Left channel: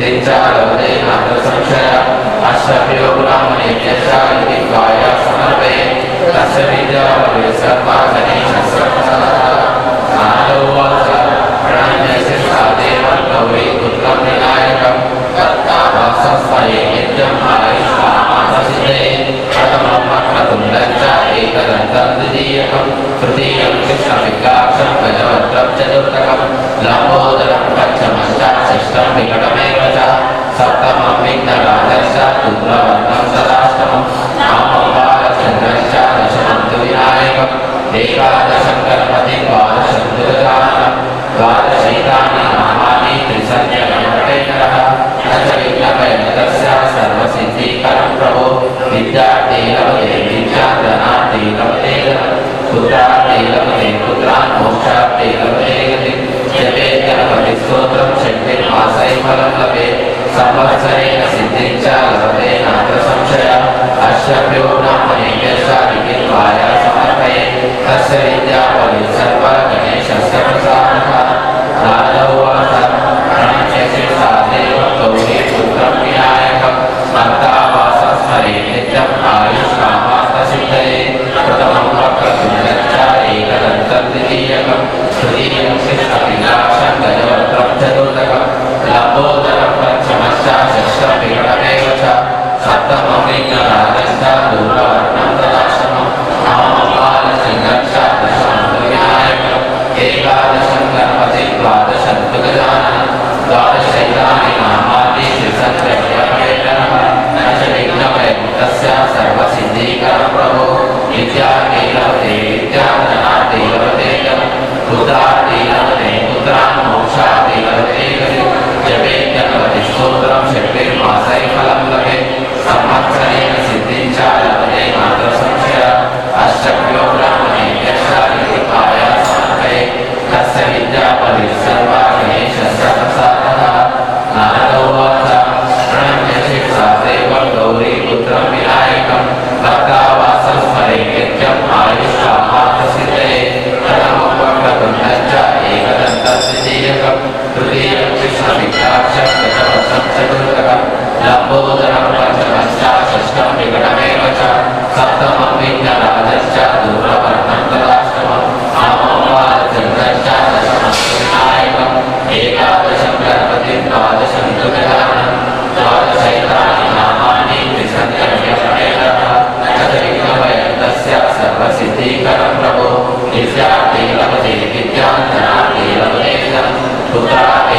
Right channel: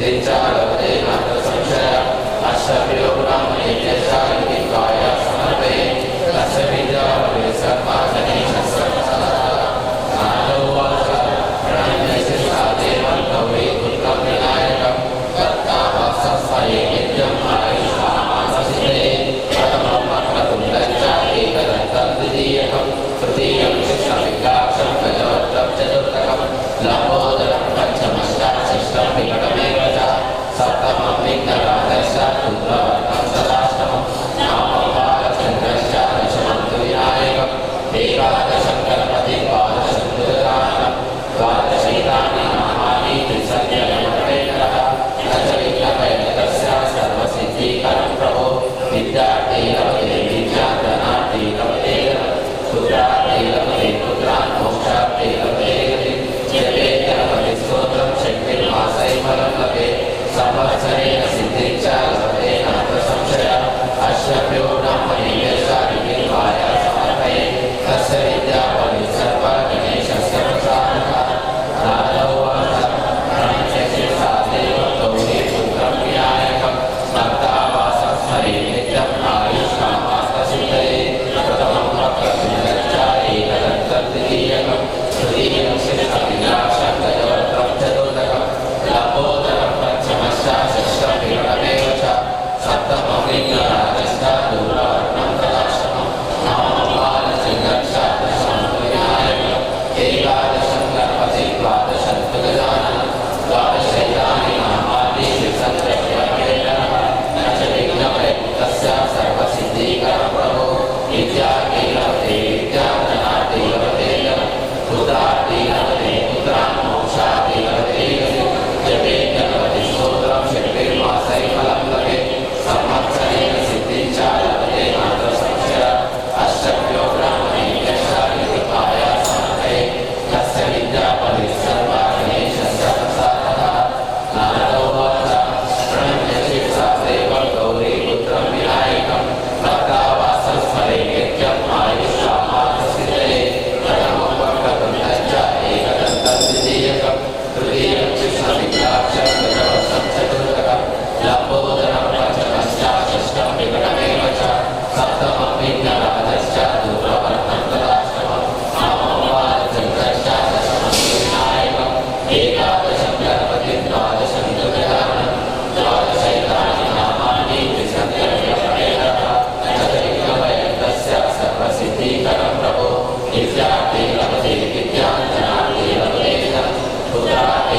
सिद्धिञ्चालवते नात्र संशय अष्टभ्यो ब्राह्मणेभ्यः लिखित्वाय समर्पये तस्य विद्या भवेत् सर्वा गणेशस्य नारदो उवाच प्रणम्यस्य देवं गौरी पुत्रं विनायकं तत्तावासस्मये नित्यम् आयुष्मामाससिद्धये प्रथमं वक्रतुण्डं च एकदन्तं द्वितीयकं तृतीयं कृष्णविग्राक्षं गजवक्त्रं चतुर्थकं लम्बोदरं पञ्चमं च षष्ठं विकटमेव च सप्तमं विघ्नराजं च रुद्रवर्णं तदाष्टमं नवमं बालचन्द्रं च दशमं तु विनायकम् एकादशं गणपतिं द्वादशं तु गजाननं द्वादशैतानि नामानि त्रिसन्ध्यगणपतेकरः न च विघ्नभयन्तस्य सर्वसिद्धिकरं प्रभो विद्यार्थी लभते विद्यां धनार्थी लभते धनं पुत्रार्थी लभते पुत्रान् मोक्षार्थी लभते गतिं जपेत् गणपतिस्तोत्रं शक्तिर्मासै फलं लभेत् संवत्सरेण सिद्धिं च लभते नात्र संशयः अष्टभ्यो ब्राह्मणेभ्यः लिखित्वाय समर्पये तस्य विद्या भवेत् सर्वा गणेशस्य प्रसादः नारद उवाच प्रणम्य शिरसा देवं गौरी पुत्रं विनायकं भक्तावासस्मरे नित्यम् आयुष्कामार्थसिद्धये प्रथमं वक्रतुण्डं च एकदन्तं द्वितीयकं तृतीयं कृष्णविग्राक्षं गजवक्त्रं चतुर्थकं लम्बोदरं पञ्चमं च षष्ठं विकटमेव च सप्तमं विघ्नराजं च दूरवर्णं तदाष्टमं नवमं बालचन्द्रं च दशमं तु विनायकम् एकादशं गणपतिं द्वादशं तु गजाननं द्वादशैतानि नामानि त्रिसन्ध्यगणपतेकरः न च विघ्नभयन्तस्य सर्वसिद्धिकरं प्रभो विद्यार्थी लभते विद्यां धनार्थी लभते धनं पुत्रार्थी लभते पुत्रान् मोक्षार्थी लभते गतिं जपेत् गणपतिस्तोत्रं शक्तिर्मासै फलं लभेत् संवत्सरेण सिद्धिं च लभते नात्र संशयः अष्टभ्यो ब्राह्मणेभ्यः लिखित्वाय समर्पये तस्य विद्या भवेत् सर्वा गणेशस्य प्रसादः नारद उवाच प्रणम्य शिरसा देवं गौरी पुत्रं विनायकं भक्तावासस्मरे नित्यम् आयुष्कामार्थसिद्धये प्रथमं वक्रतुण्डं च एकदन्तं द्वितीयकं तृतीयं कृष्णविग्राक्षं गजवक्त्रं चतुर्थकं लम्बोदरं पञ्चमं च षष्ठं विकटमेव च सप्तमं विघ्नराजं च दूरवर्णं तदाष्टमं नवमं बालचन्द्रं च दशमं तु विनायकम् एकादशं गणपतिं द्वादशं तु गजाननं द्वादशैतानि नामानि त्रिसन्ध्यगणपतेकरः न च विघ्नभयन्तस्य सर्वसिद्धिकरं प्रभो विद्यार्थी लभते विद्यां धनार्थी लभते धनं पुत्रार्थी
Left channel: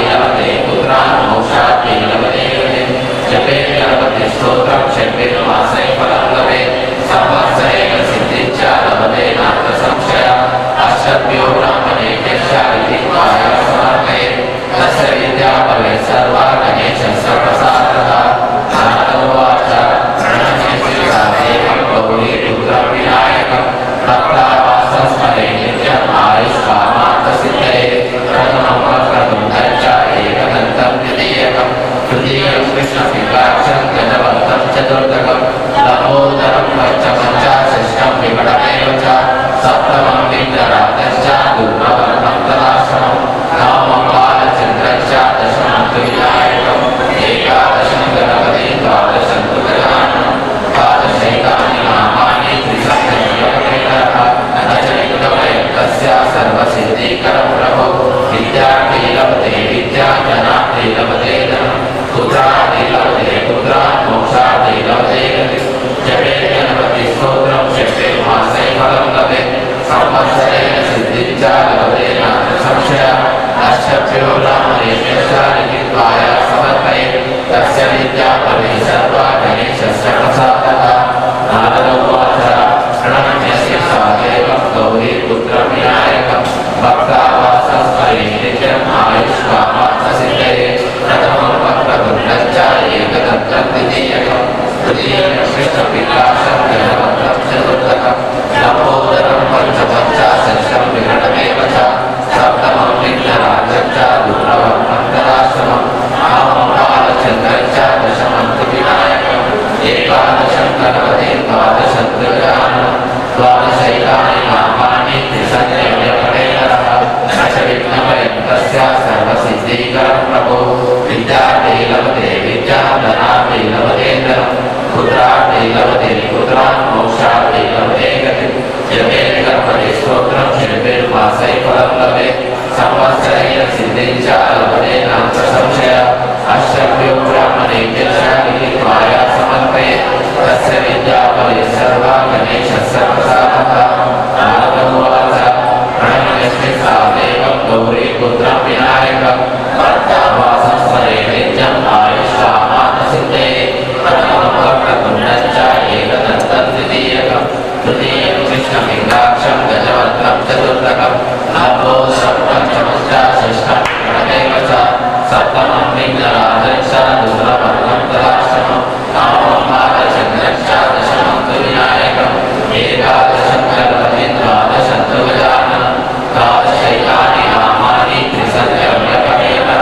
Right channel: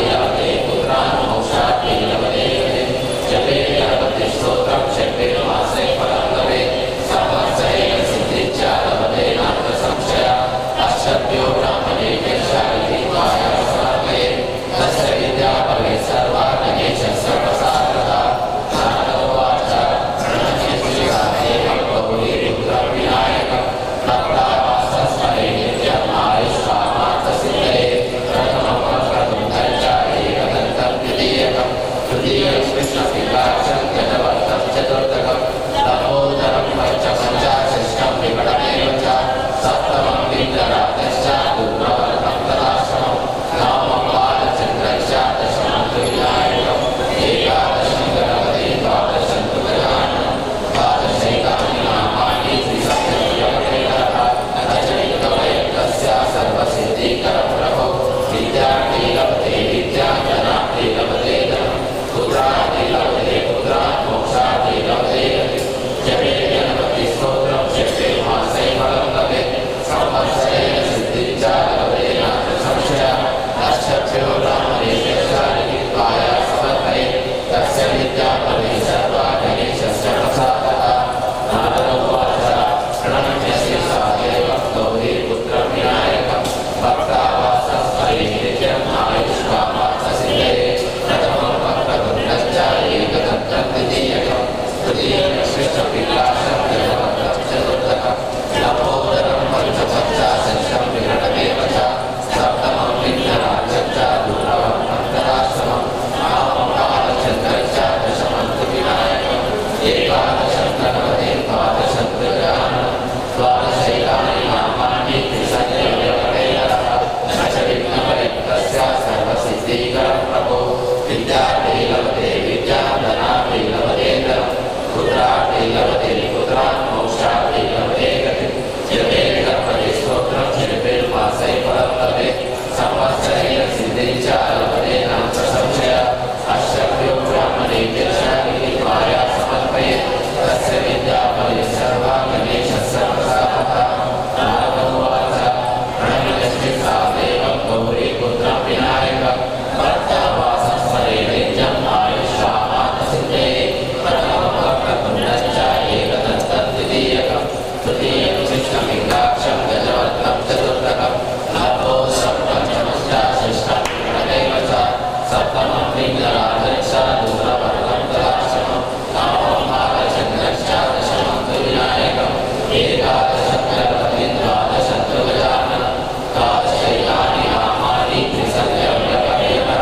सप्तमं विघ्नराजश्च दुर्लभं तदाश्रमं नवमं बालचन्द्रश्च दशमं तु विनायकम् एकादशं गणपतिं द्वादशं तु गजाननं द्वादशैतानि नामानि त्रिसङ्ख्यम्यकमेतः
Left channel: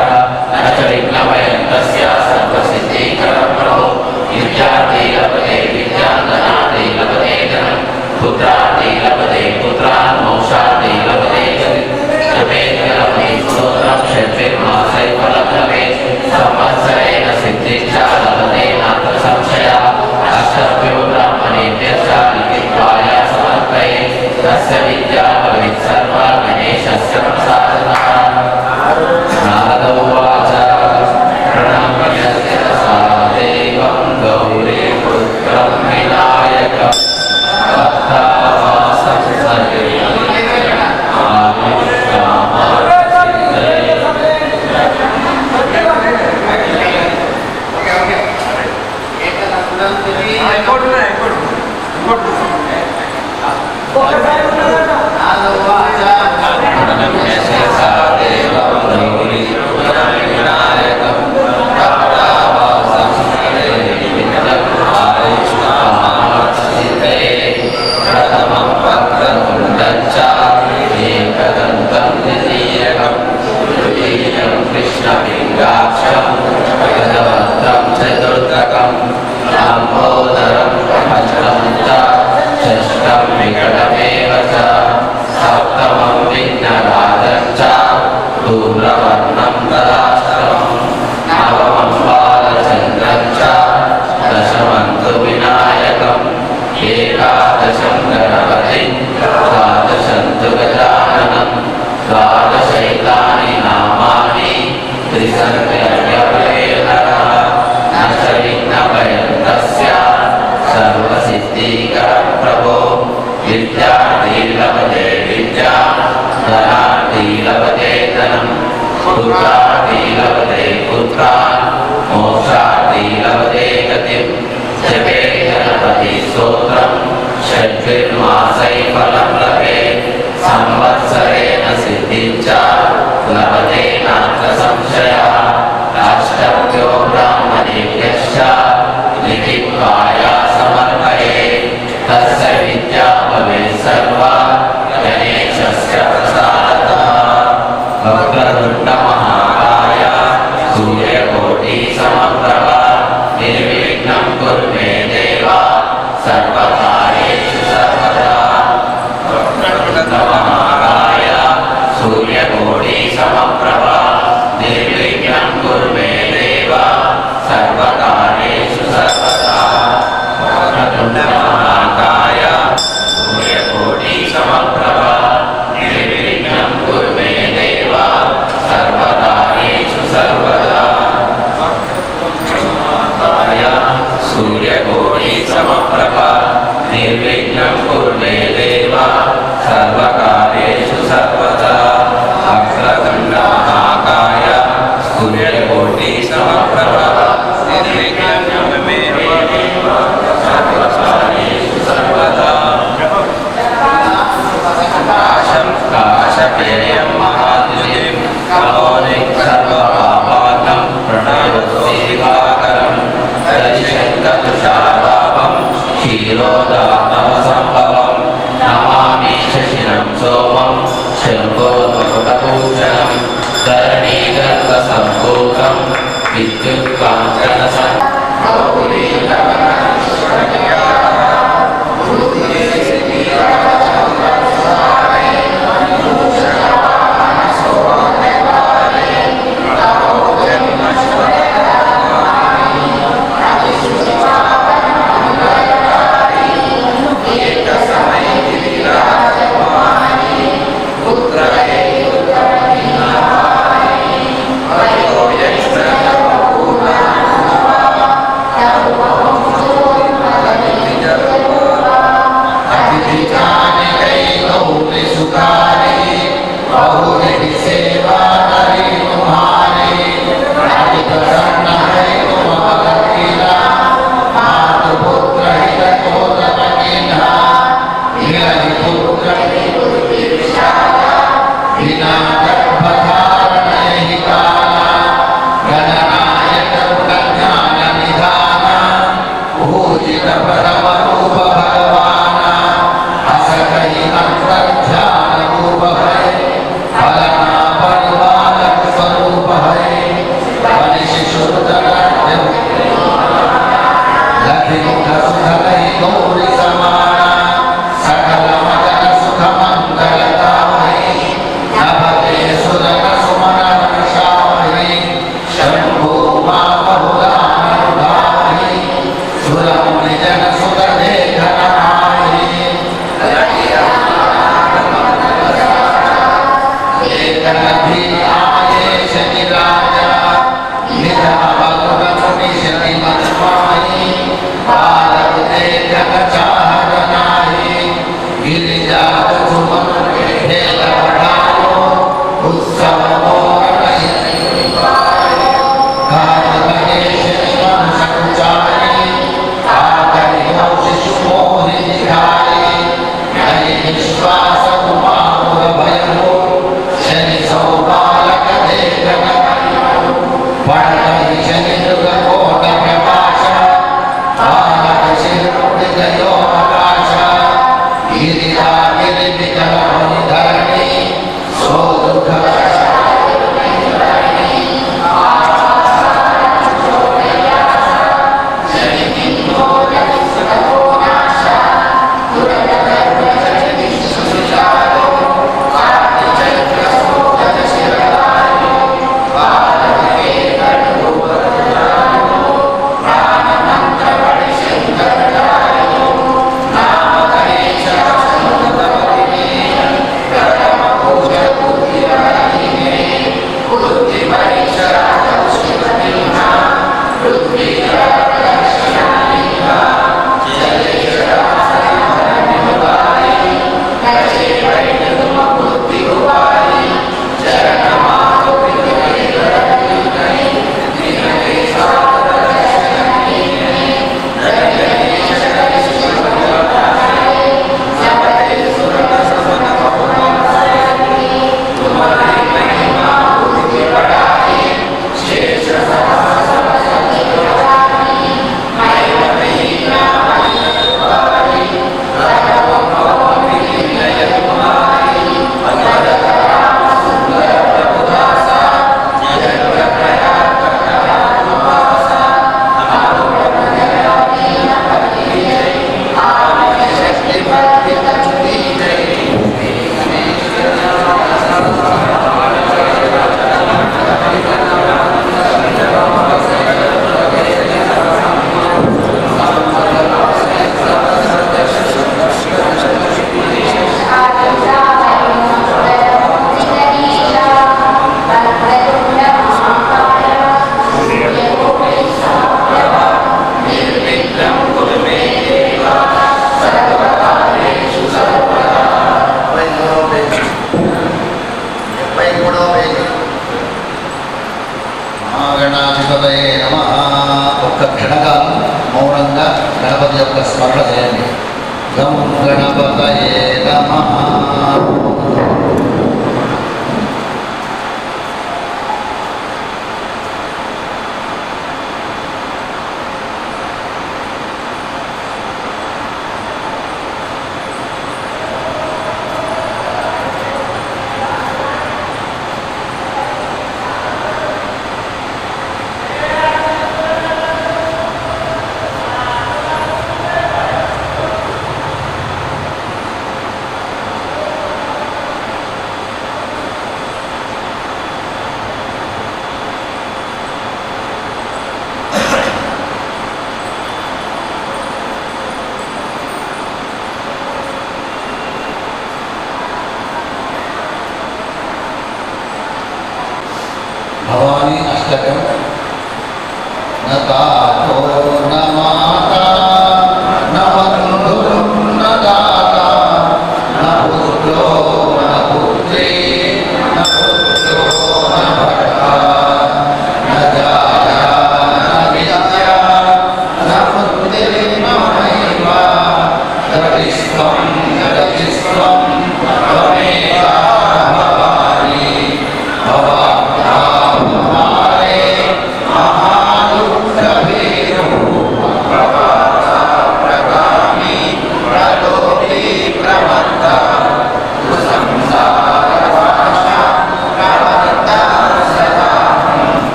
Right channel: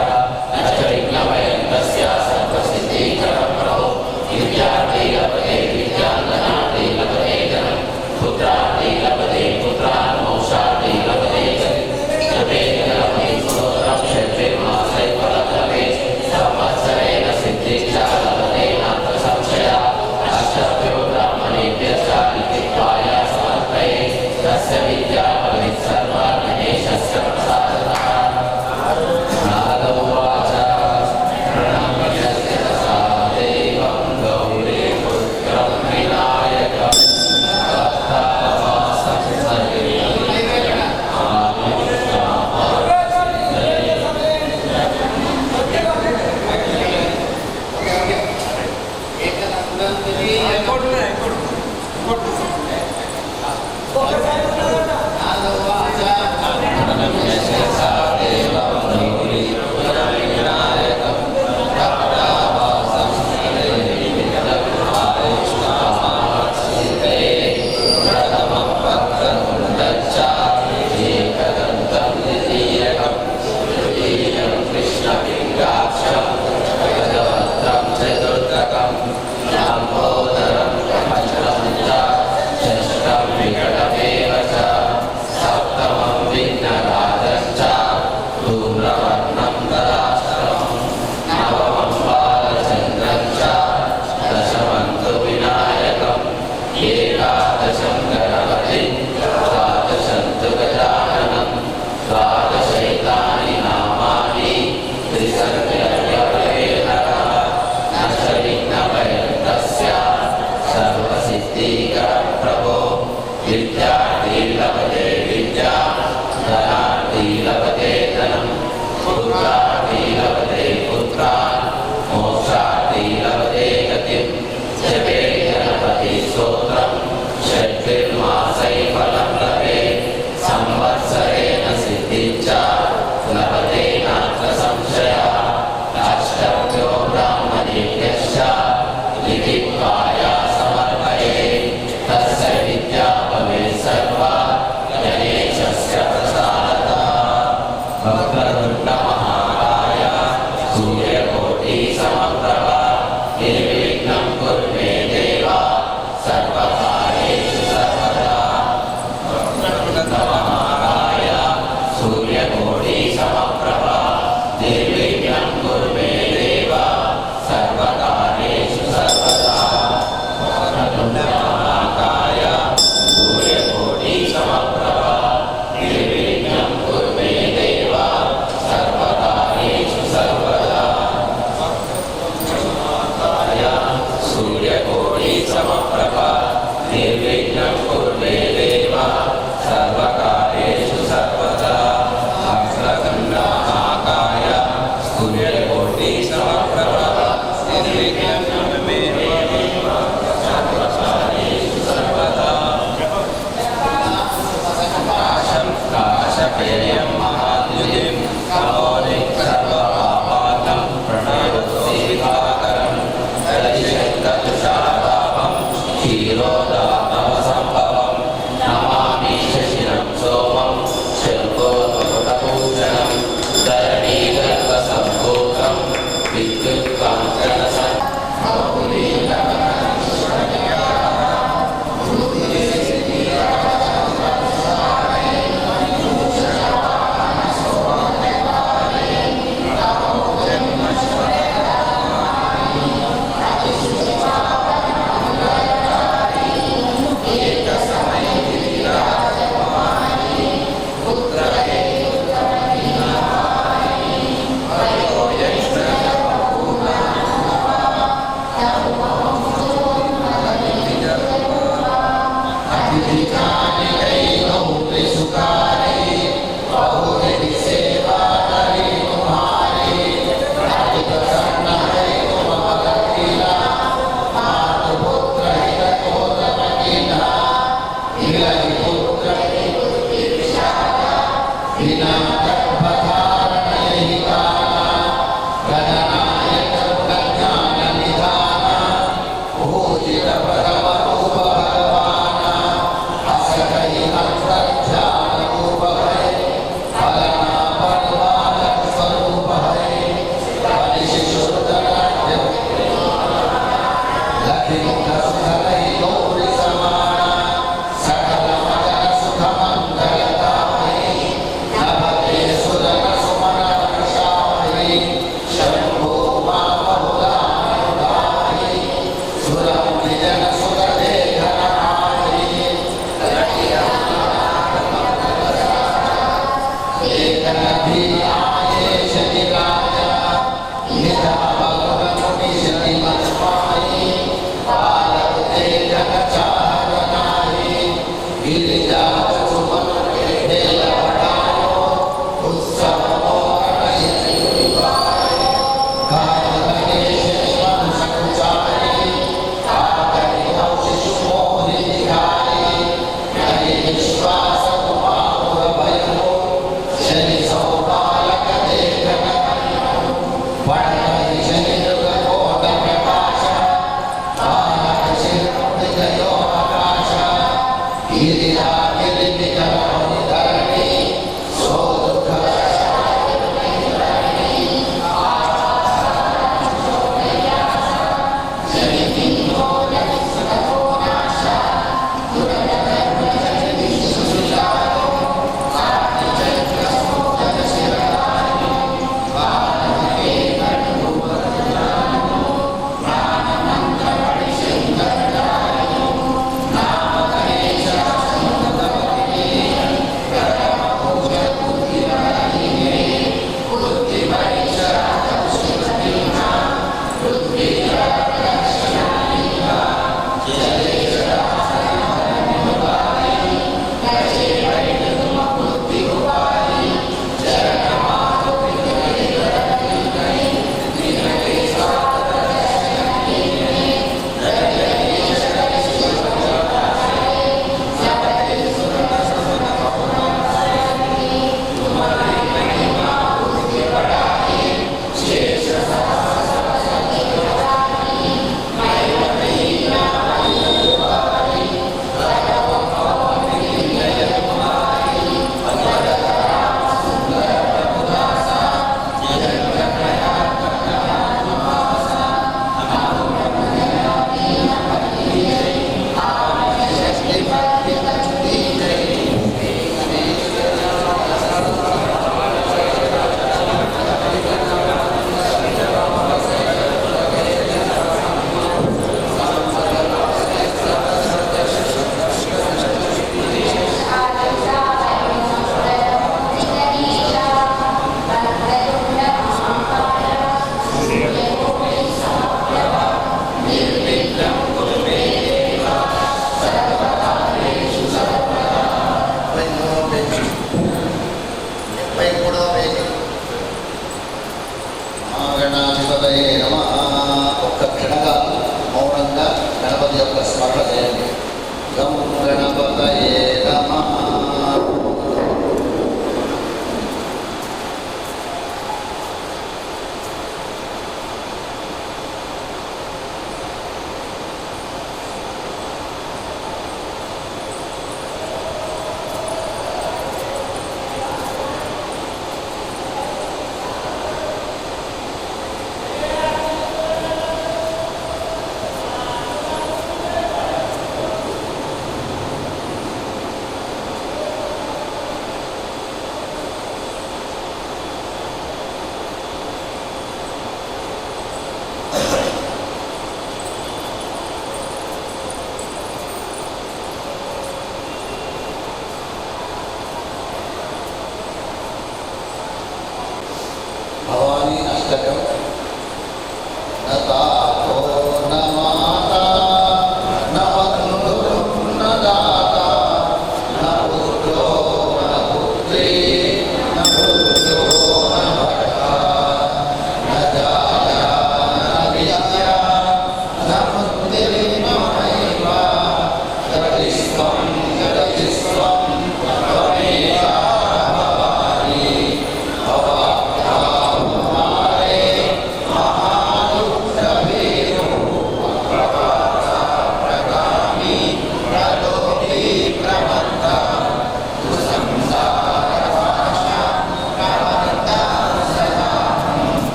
न च विघ्नभयं तस्य सर्वसिद्धिकरं प्रभो विद्यार्थी लभते विद्यां धनार्थी लभते धनं पुत्रार्थी लभते पुत्रान् मोक्षार्थी लभते जपेत लभते स्तोत्रं षड्विर्मासै फलं लभेत् संवत्सरेण सिद्धिश्च लभते नात्र संशयः अष्टभ्यो ब्राह्मणेभ्यश्च लिखित्वाय समर्पयेत् तस्य विद्या भवेत् सर्वा गणेशस्य प्रसादतः नारद उवाच प्रणम्य शिरसा देवं गौरीपुत्रं विनायकं भक्तावासं पुत्र గణాధిపతయే నమః. ఒక్క క్షణకాలం మౌనంగా గణపతి యొక్క స్మరణ చేయండి. గం గణపతయే నమః. భవానీ అష్టకం. నతాతో నమాత నవంధురం నదాత నపుత్రో నపుత్రీ నపుత్రో నభట నజాయ నవిద్య నపుత్రే నమైవ గతిస్వం గతిస్వం త్వమేవ భవాని భవాని महादुःखभीरो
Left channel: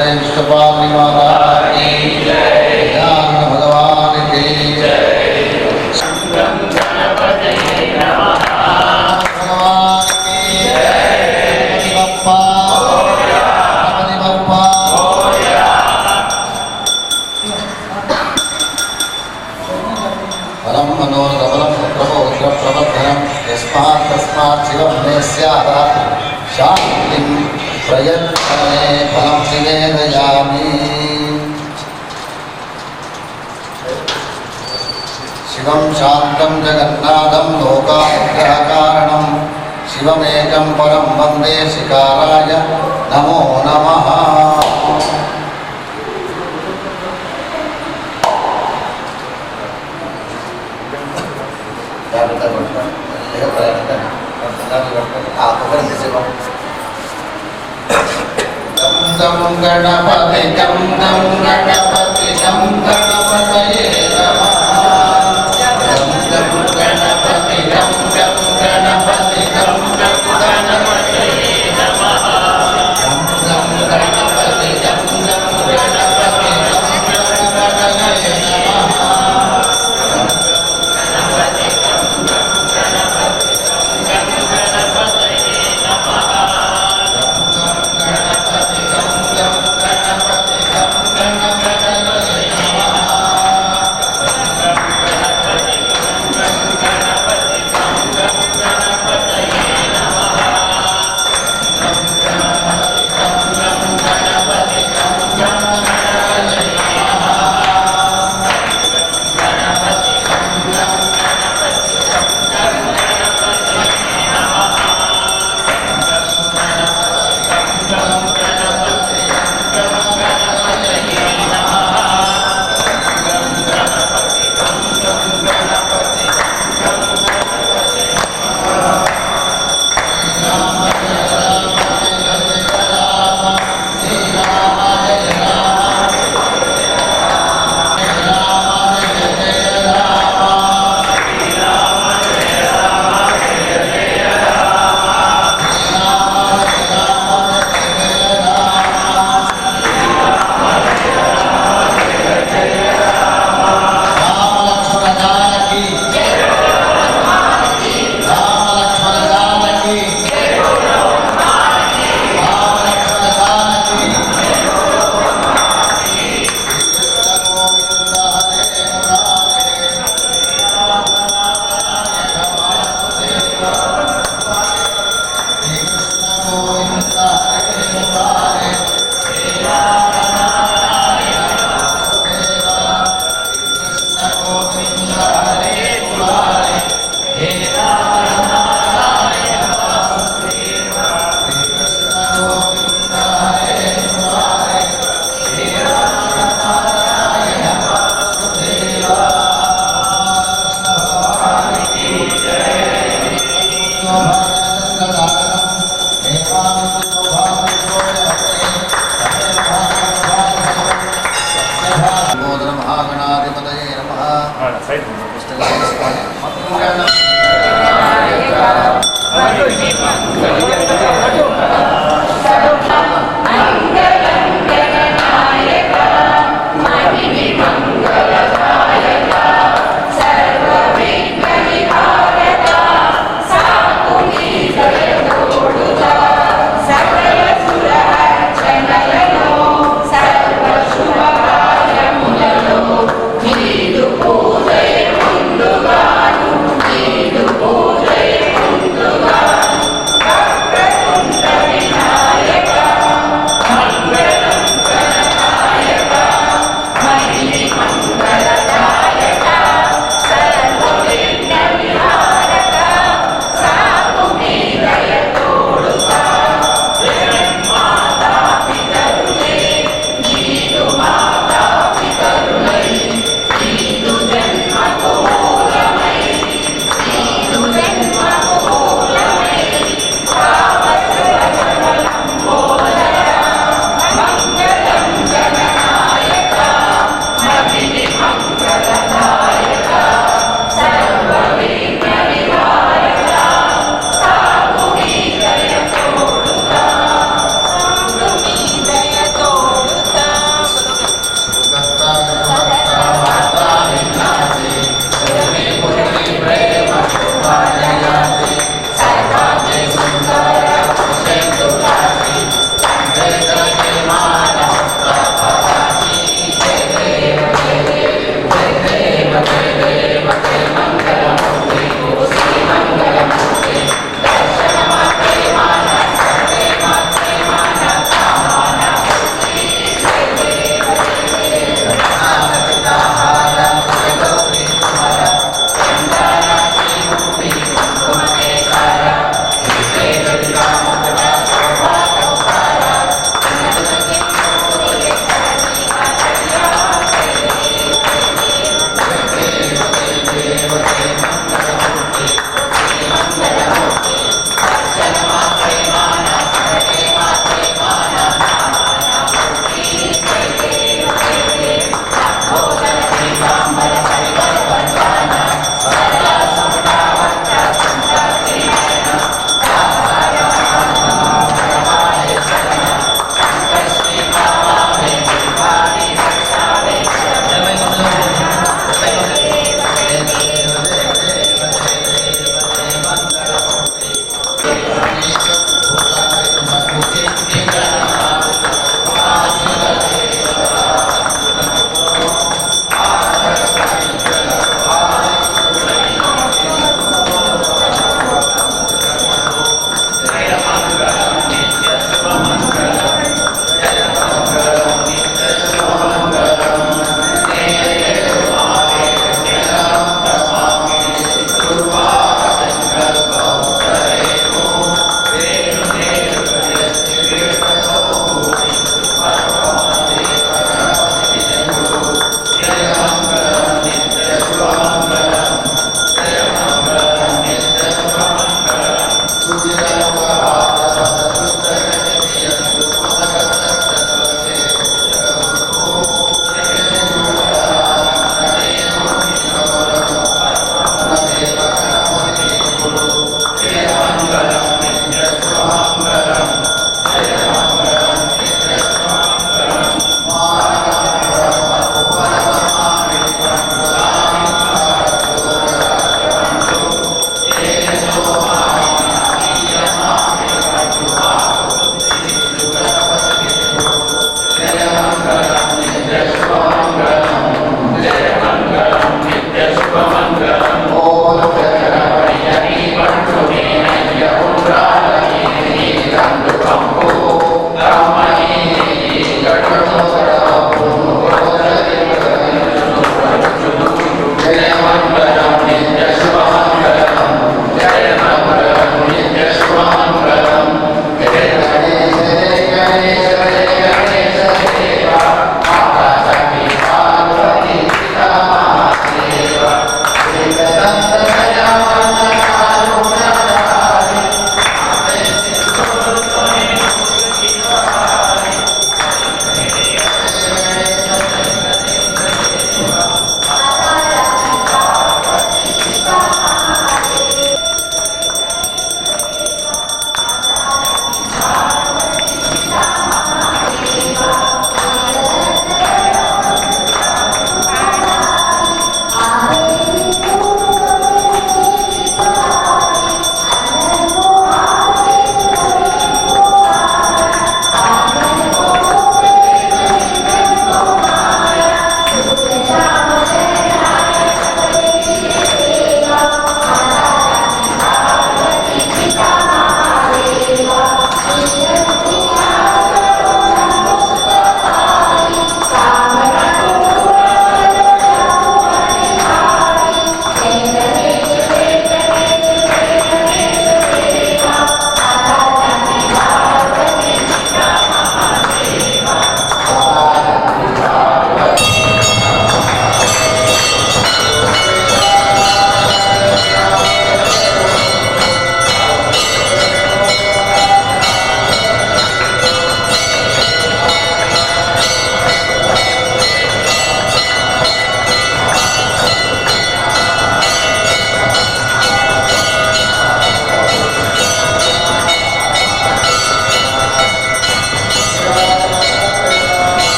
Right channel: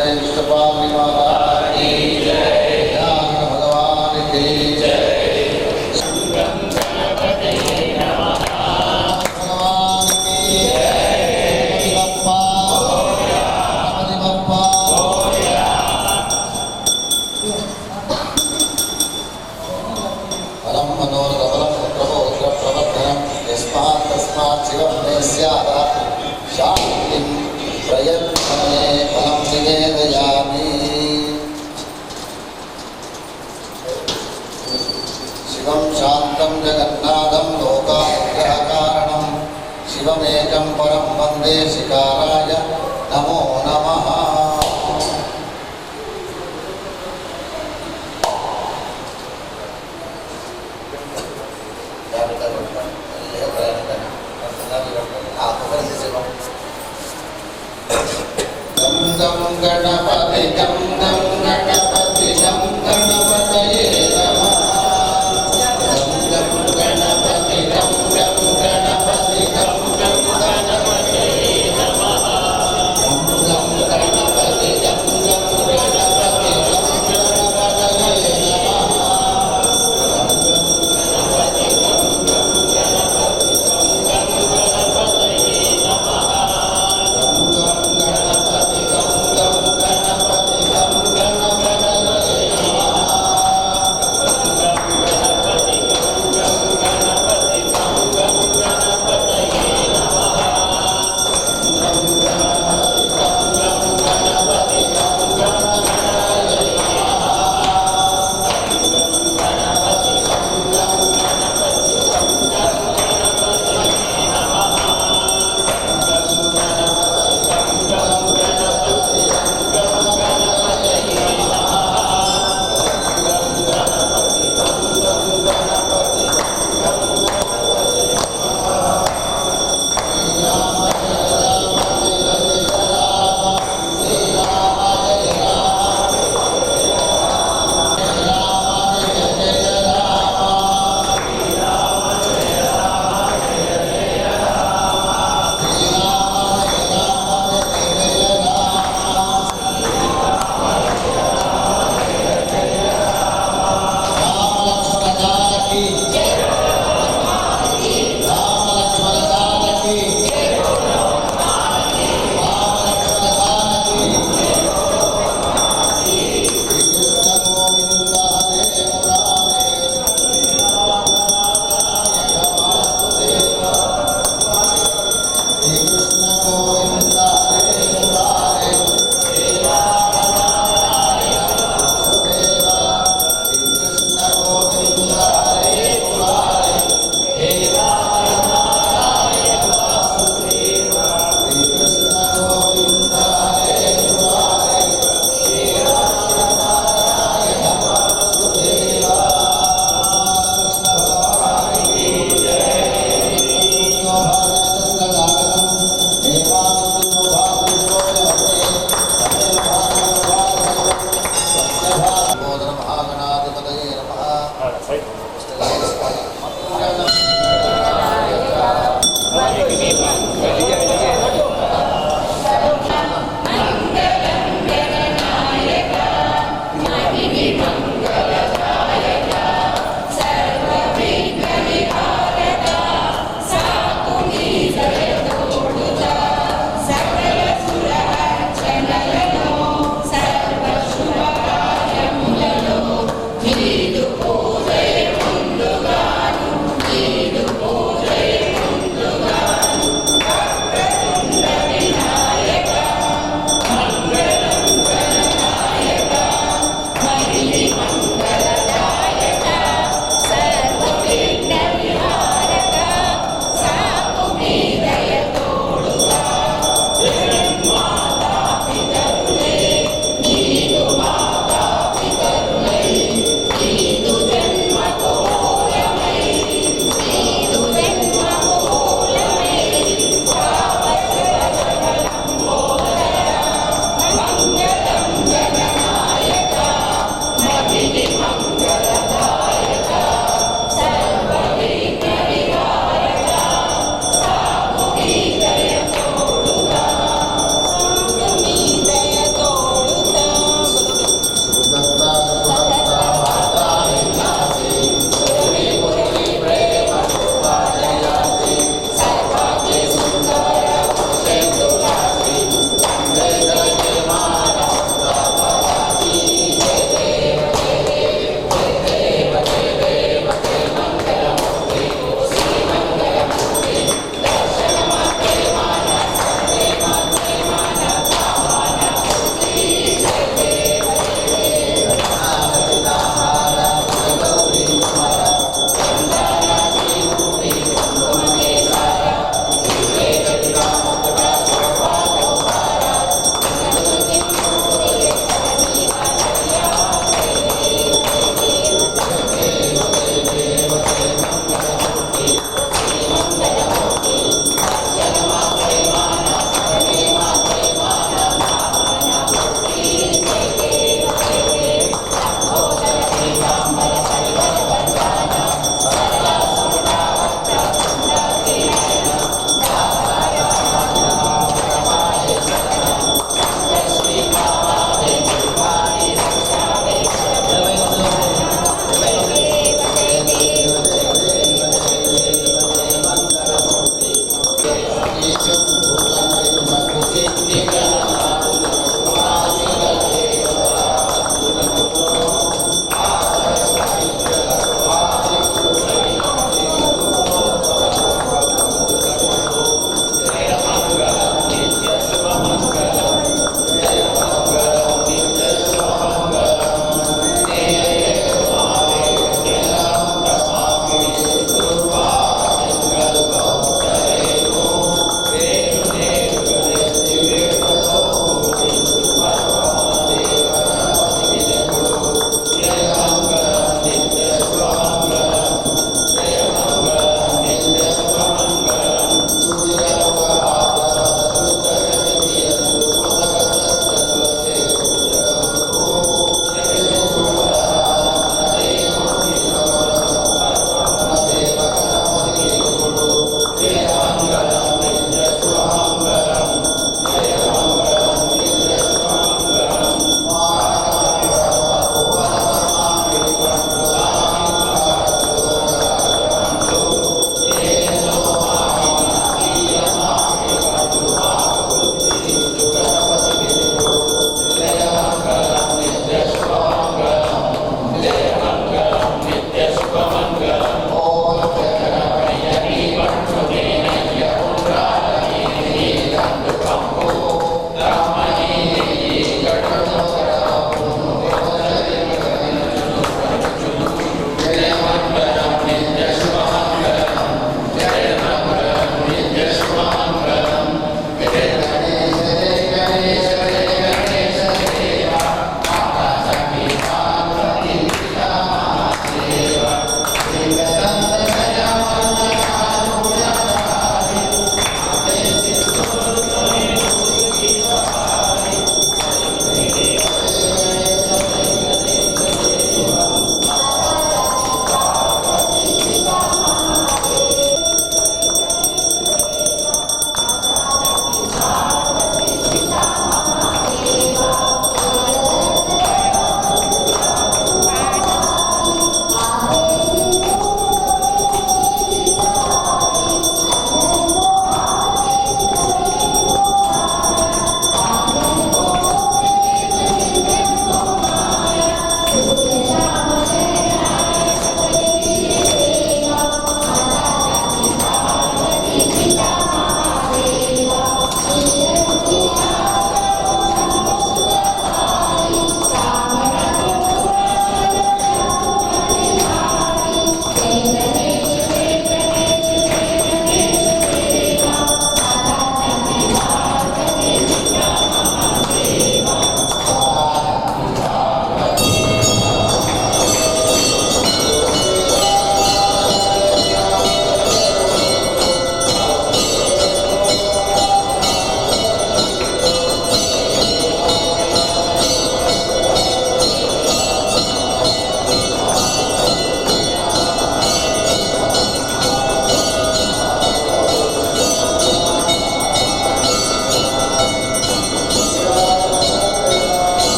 जय विष्णुपाल माता की जय, ज्ञान भगवान की जय, शंकरं गणपतये नमः। भगवान की जय, बप्पा गणपति बप्पा। फलं मनोरथफलं पुत्रपौत्रप्रवर्धनं यस्मात् तस्मात् शिवं मे स्यात् शान्तिं प्रयच्छमे फलं निवेदयामि। शिवं शान्तं जगन्नाथं लोकानुग्रहकारणं शिवमेकं परं वन्दे शिकाराय नमो नमः। गं गणपति गं गणपति गं गणपतये नमः। गं गणपति गं गणपति गं गणपतये नमः। गं गणपति गं गणपति गं गणपतये नमः। गं गणपति गं गणपति गं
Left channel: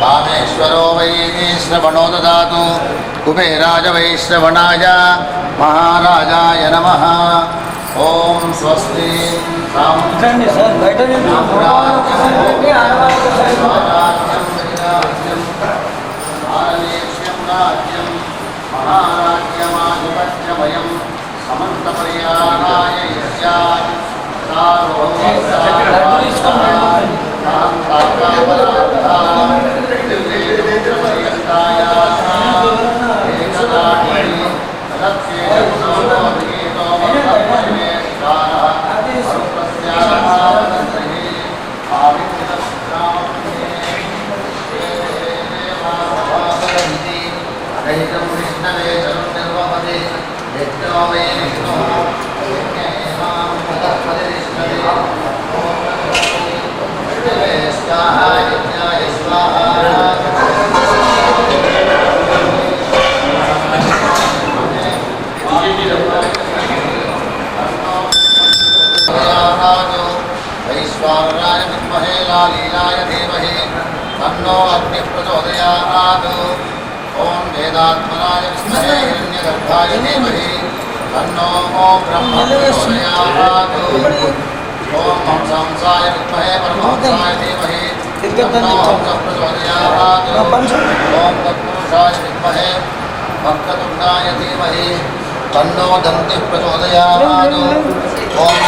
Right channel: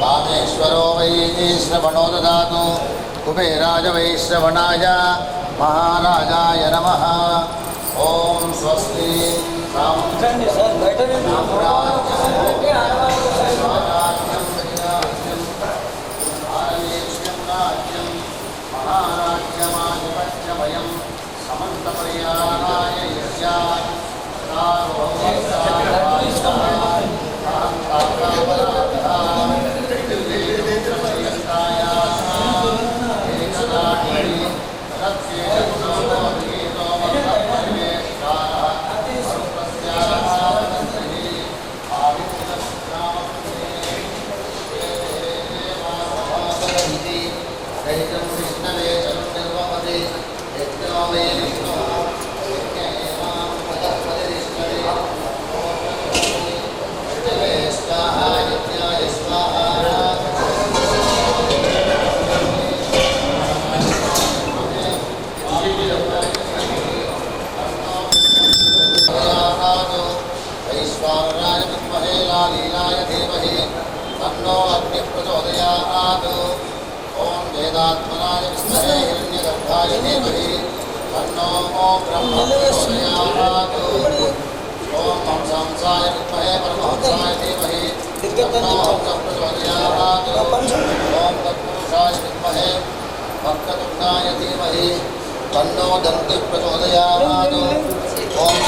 कामेश्वरो वै श्रवणो ददातु कुबेराज वै श्रवणाय महाराजाय नमः। ओम स्वस्ति विष्णवे निर्वपदे यज्ञो वै विष्णु यज्ञे स्वाहा यज्ञाय स्वाहा। वैश्वानराय विद्महे लालीलाय धीमहि तन्नो अग्निः प्रचोदयात्। ओम वेदात्मनाय विद्महे हिरण्यगर्भाय धीमहि तन्नो ब्रह्म प्रचोदयात्। ओम हंसाय विद्महे परमहंसाय धीमहि तन्नो हंसः प्रचोदयात्। ओम तत्पुरुषाय विद्महे वक्रतुण्डाय धीमहि तन्नो दन्तिः प्रचोदयात्। ओम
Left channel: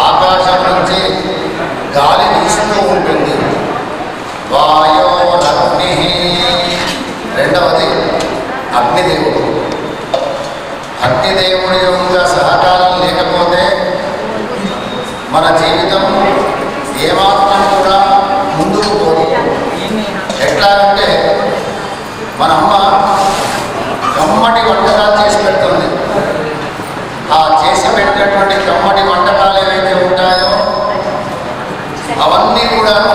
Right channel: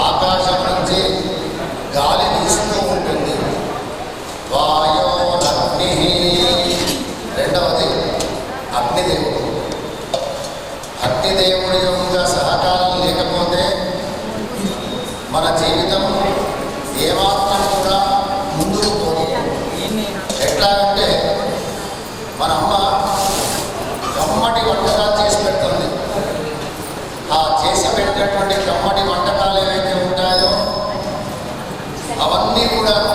ఆకాశం నుంచి గాలి వీస్తూ ఉంటుంది. వాయోరగ్ని. రెండవది అగ్నిదేవుడు. అగ్నిదేవుడి యొక్క సహకారం లేకపోతే మన జీవితం ఏమాత్రం కూడా ముందుకు పోదు. ఎట్లాగంటే మన అమ్మ కమ్మటి వంటకాలు చేసి పెడుతుంది. ఆ చేసి పెట్టినటువంటి కమ్మటి వంటకాలు ఏవైతే ఉంటాయో అవన్నీ కూడాను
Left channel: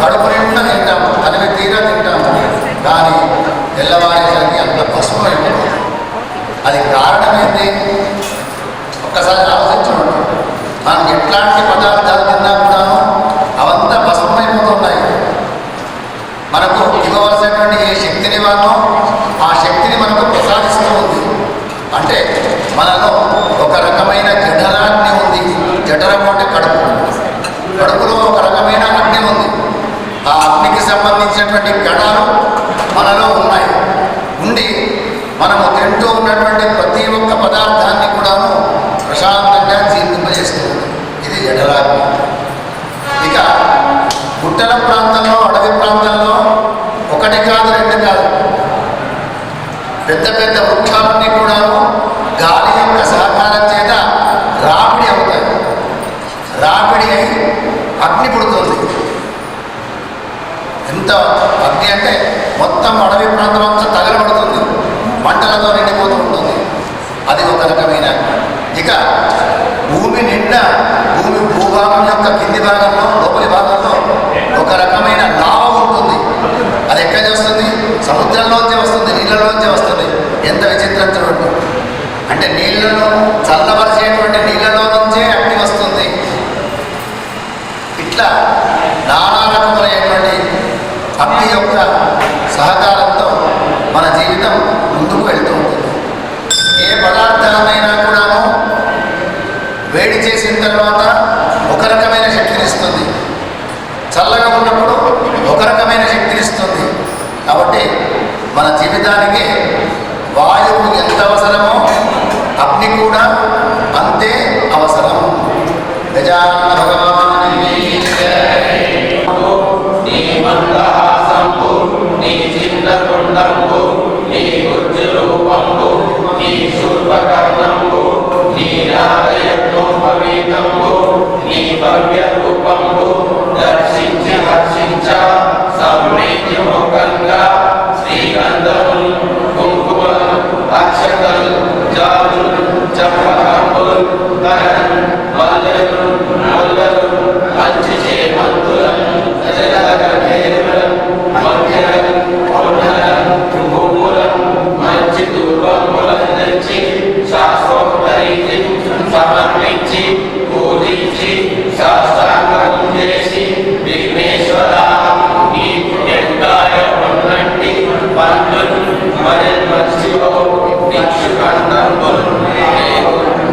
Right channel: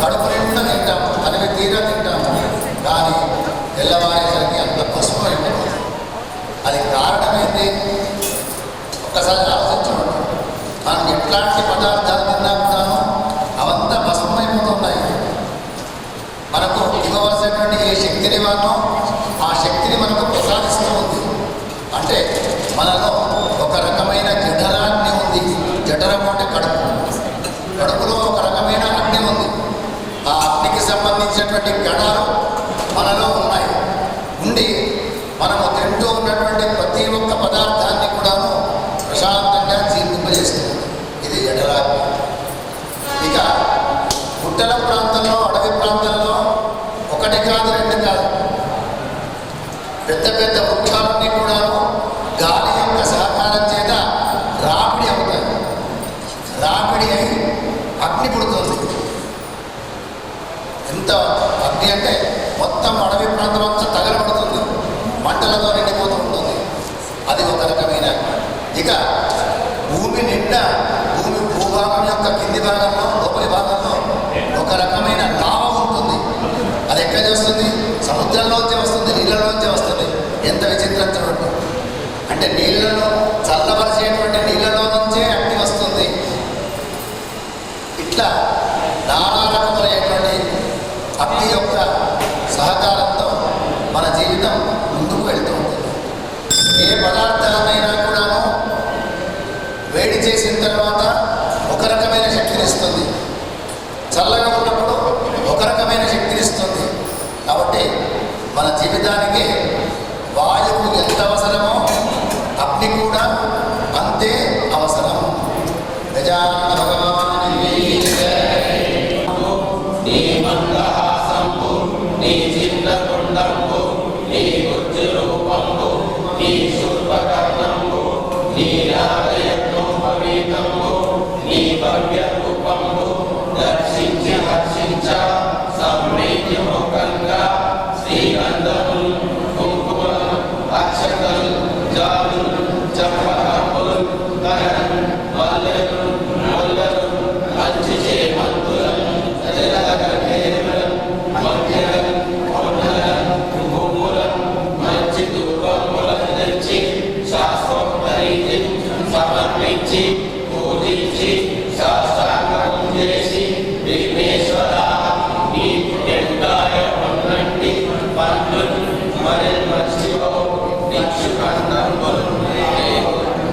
కడుపు నిండా తింటాము, తనివి తీరా తింటాము. కానీ తెల్లవారేసరికి అంత పసుపు అయిపోతుంది. అది కారణం ఏంటి? ఒక్కసారి ఆలోచించండి. మనం ఎట్లాంటి పదార్థాలు తిన్నా కూడాను అవంతా పసుపు అయిపోతున్నాయి. మనకు ఇవ్వవలసినటువంటి ఏ శక్తిని వానో ఆ శక్తిని మనకు ప్రసాదిస్తూ ఉంది. అంటే మనలో ఒక రకమైన జఠరాగ్ని ఉంది. జఠరం అంటే కడుపు. కడుపులో ఒక రకమైన అగ్ని ఉంది. ఆ అగ్నికి సంబంధించినటువంటి కణాలు మనలో ఉన్నాయి. ఉండి మనము తింటూ ఉన్నటువంటి ప్రతి ఒక్క పదార్థాన్ని కూడాను ప్రశాంతంగా జీర్ణింపజేస్తుంది. ఇది జఠరాగ్ని. ఇక గుట్టల ప్రాంతంలో, అడవి ప్రాంతంలో ఒకటి కాదు, రెండు కాదు, పెద్ద పెద్ద వృక్షాలన్నీ కూడాను గాలి యొక్క సహకారం చేత రాపిడి అవుతాయి. రాపిడి అయి అగ్ని పుడుతుంది. ఎంత అగ్ని అంటే మొత్తం అడవి ప్రాంతం అంతా తగలబడుతుంది, మంటలతో నిండిపోతూ ఉంటుంది. అది ఒక రకమైన అగ్ని. ఇక భూమి నిండా, భూమి భూభాగం యొక్క కింది భాగంలో, లోపలి భాగంలో ఒక రకమైన లావ ఉంటుంది. అది ఎక్కడి వస్తుంది? సముద్రంలోంచి వస్తుంది, నీళ్ళలోంచి వస్తుంది. ఎంత విచిత్రం చూడండి. అంటే నీళ్లను చల్లబరిచేటువంటి నీళ్ళలో నుంచే అగ్ని వస్తుంది. ఇట్లా నానా రకములైనటువంటి అగ్ని యొక్క సహకారంతో మన జీవితం ముందుకు వెళ్తూ ఉంటుంది. ఏ పదార్థాన్నైనా కూడాను వేడి చేసిన తర్వాత ఒక రకమైన శక్తినిస్తుంది, చల్లగా ఉన్నప్పుడు ఒక రకమైన శక్తినిస్తుంది. కాబట్టి మన జీవితానికి వాయువు ఎంత అవసరమో అగ్ని కూడా అంతే అవసరం. గజానన భగవాన్ భవ్య రూపంబు దర్శించి హర్షించ సమృద్ధి మొక్కంగా శ్రీగంధములు కుంకుమలు అక్షతలు జాతులు చంపకంబులు తరలు మల్లెలు ముల్లలు మంచి చేమంతులను జలగఢేరులను మధ్యలను పొన్నలను పువ్వులను మంచి దుర్గములను తెచ్చి శాస్త్రోక్తరీతి సమర్పించి పూజించి సాష్టాంగం చేసి విఘ్నేశ్వర నీకు ఎండాయ ఉన్నట్టి పండ్లు మరి మత్స్యో దిక్షు కందంబులు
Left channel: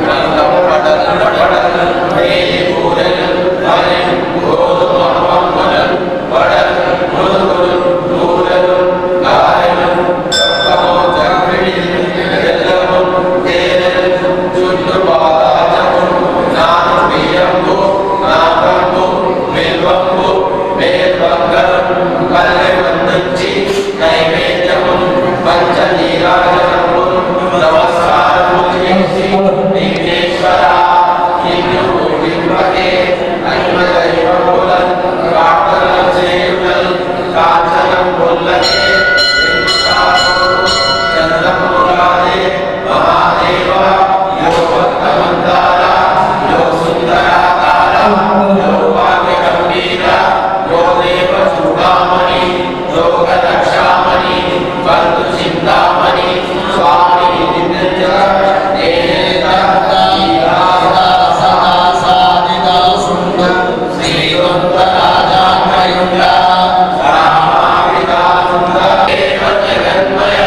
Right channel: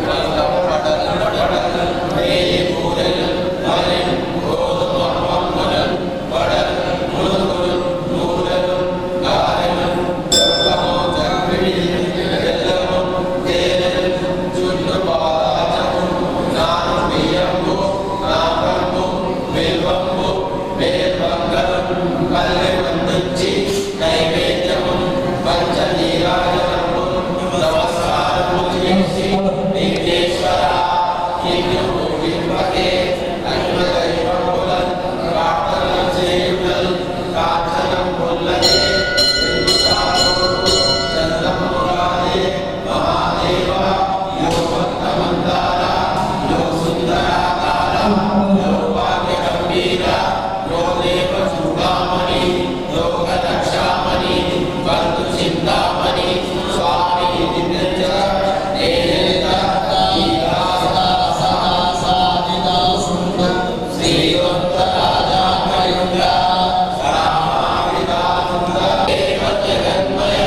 గ్రంథం పడలు పడలు వేయి కూరలు మరి గోధుమ పంపులు పడలు మురుగులు కూరలు గారెలు చక్కము చక్రిడి బెల్లము తేనెలు చుట్టు బాదాచము నాను బియ్యంబు నాకంబు బిల్వంబు వేర్బంగరం పల్లె వందించి నైవేద్యము పంచనీరాజనము నమస్కారము చేసి విఘ్నేశ్వర నిన్ను పూజింపకే అన్మదైవముల ప్రార్థన చేయుటల్ కాంచనం పొల్లకే చంద్రమురాదే మహాదేవ యో భక్తమందార యో సుందరాకార యో భాగ్య గంభీర యో దేవ చూడామణి యోగ రక్షామణి బంధు చింతామణి స్వామి నిత్య నేనేత శ్రీవంత రాజామయుండ రామావిదానంద దేవ జగన్మయ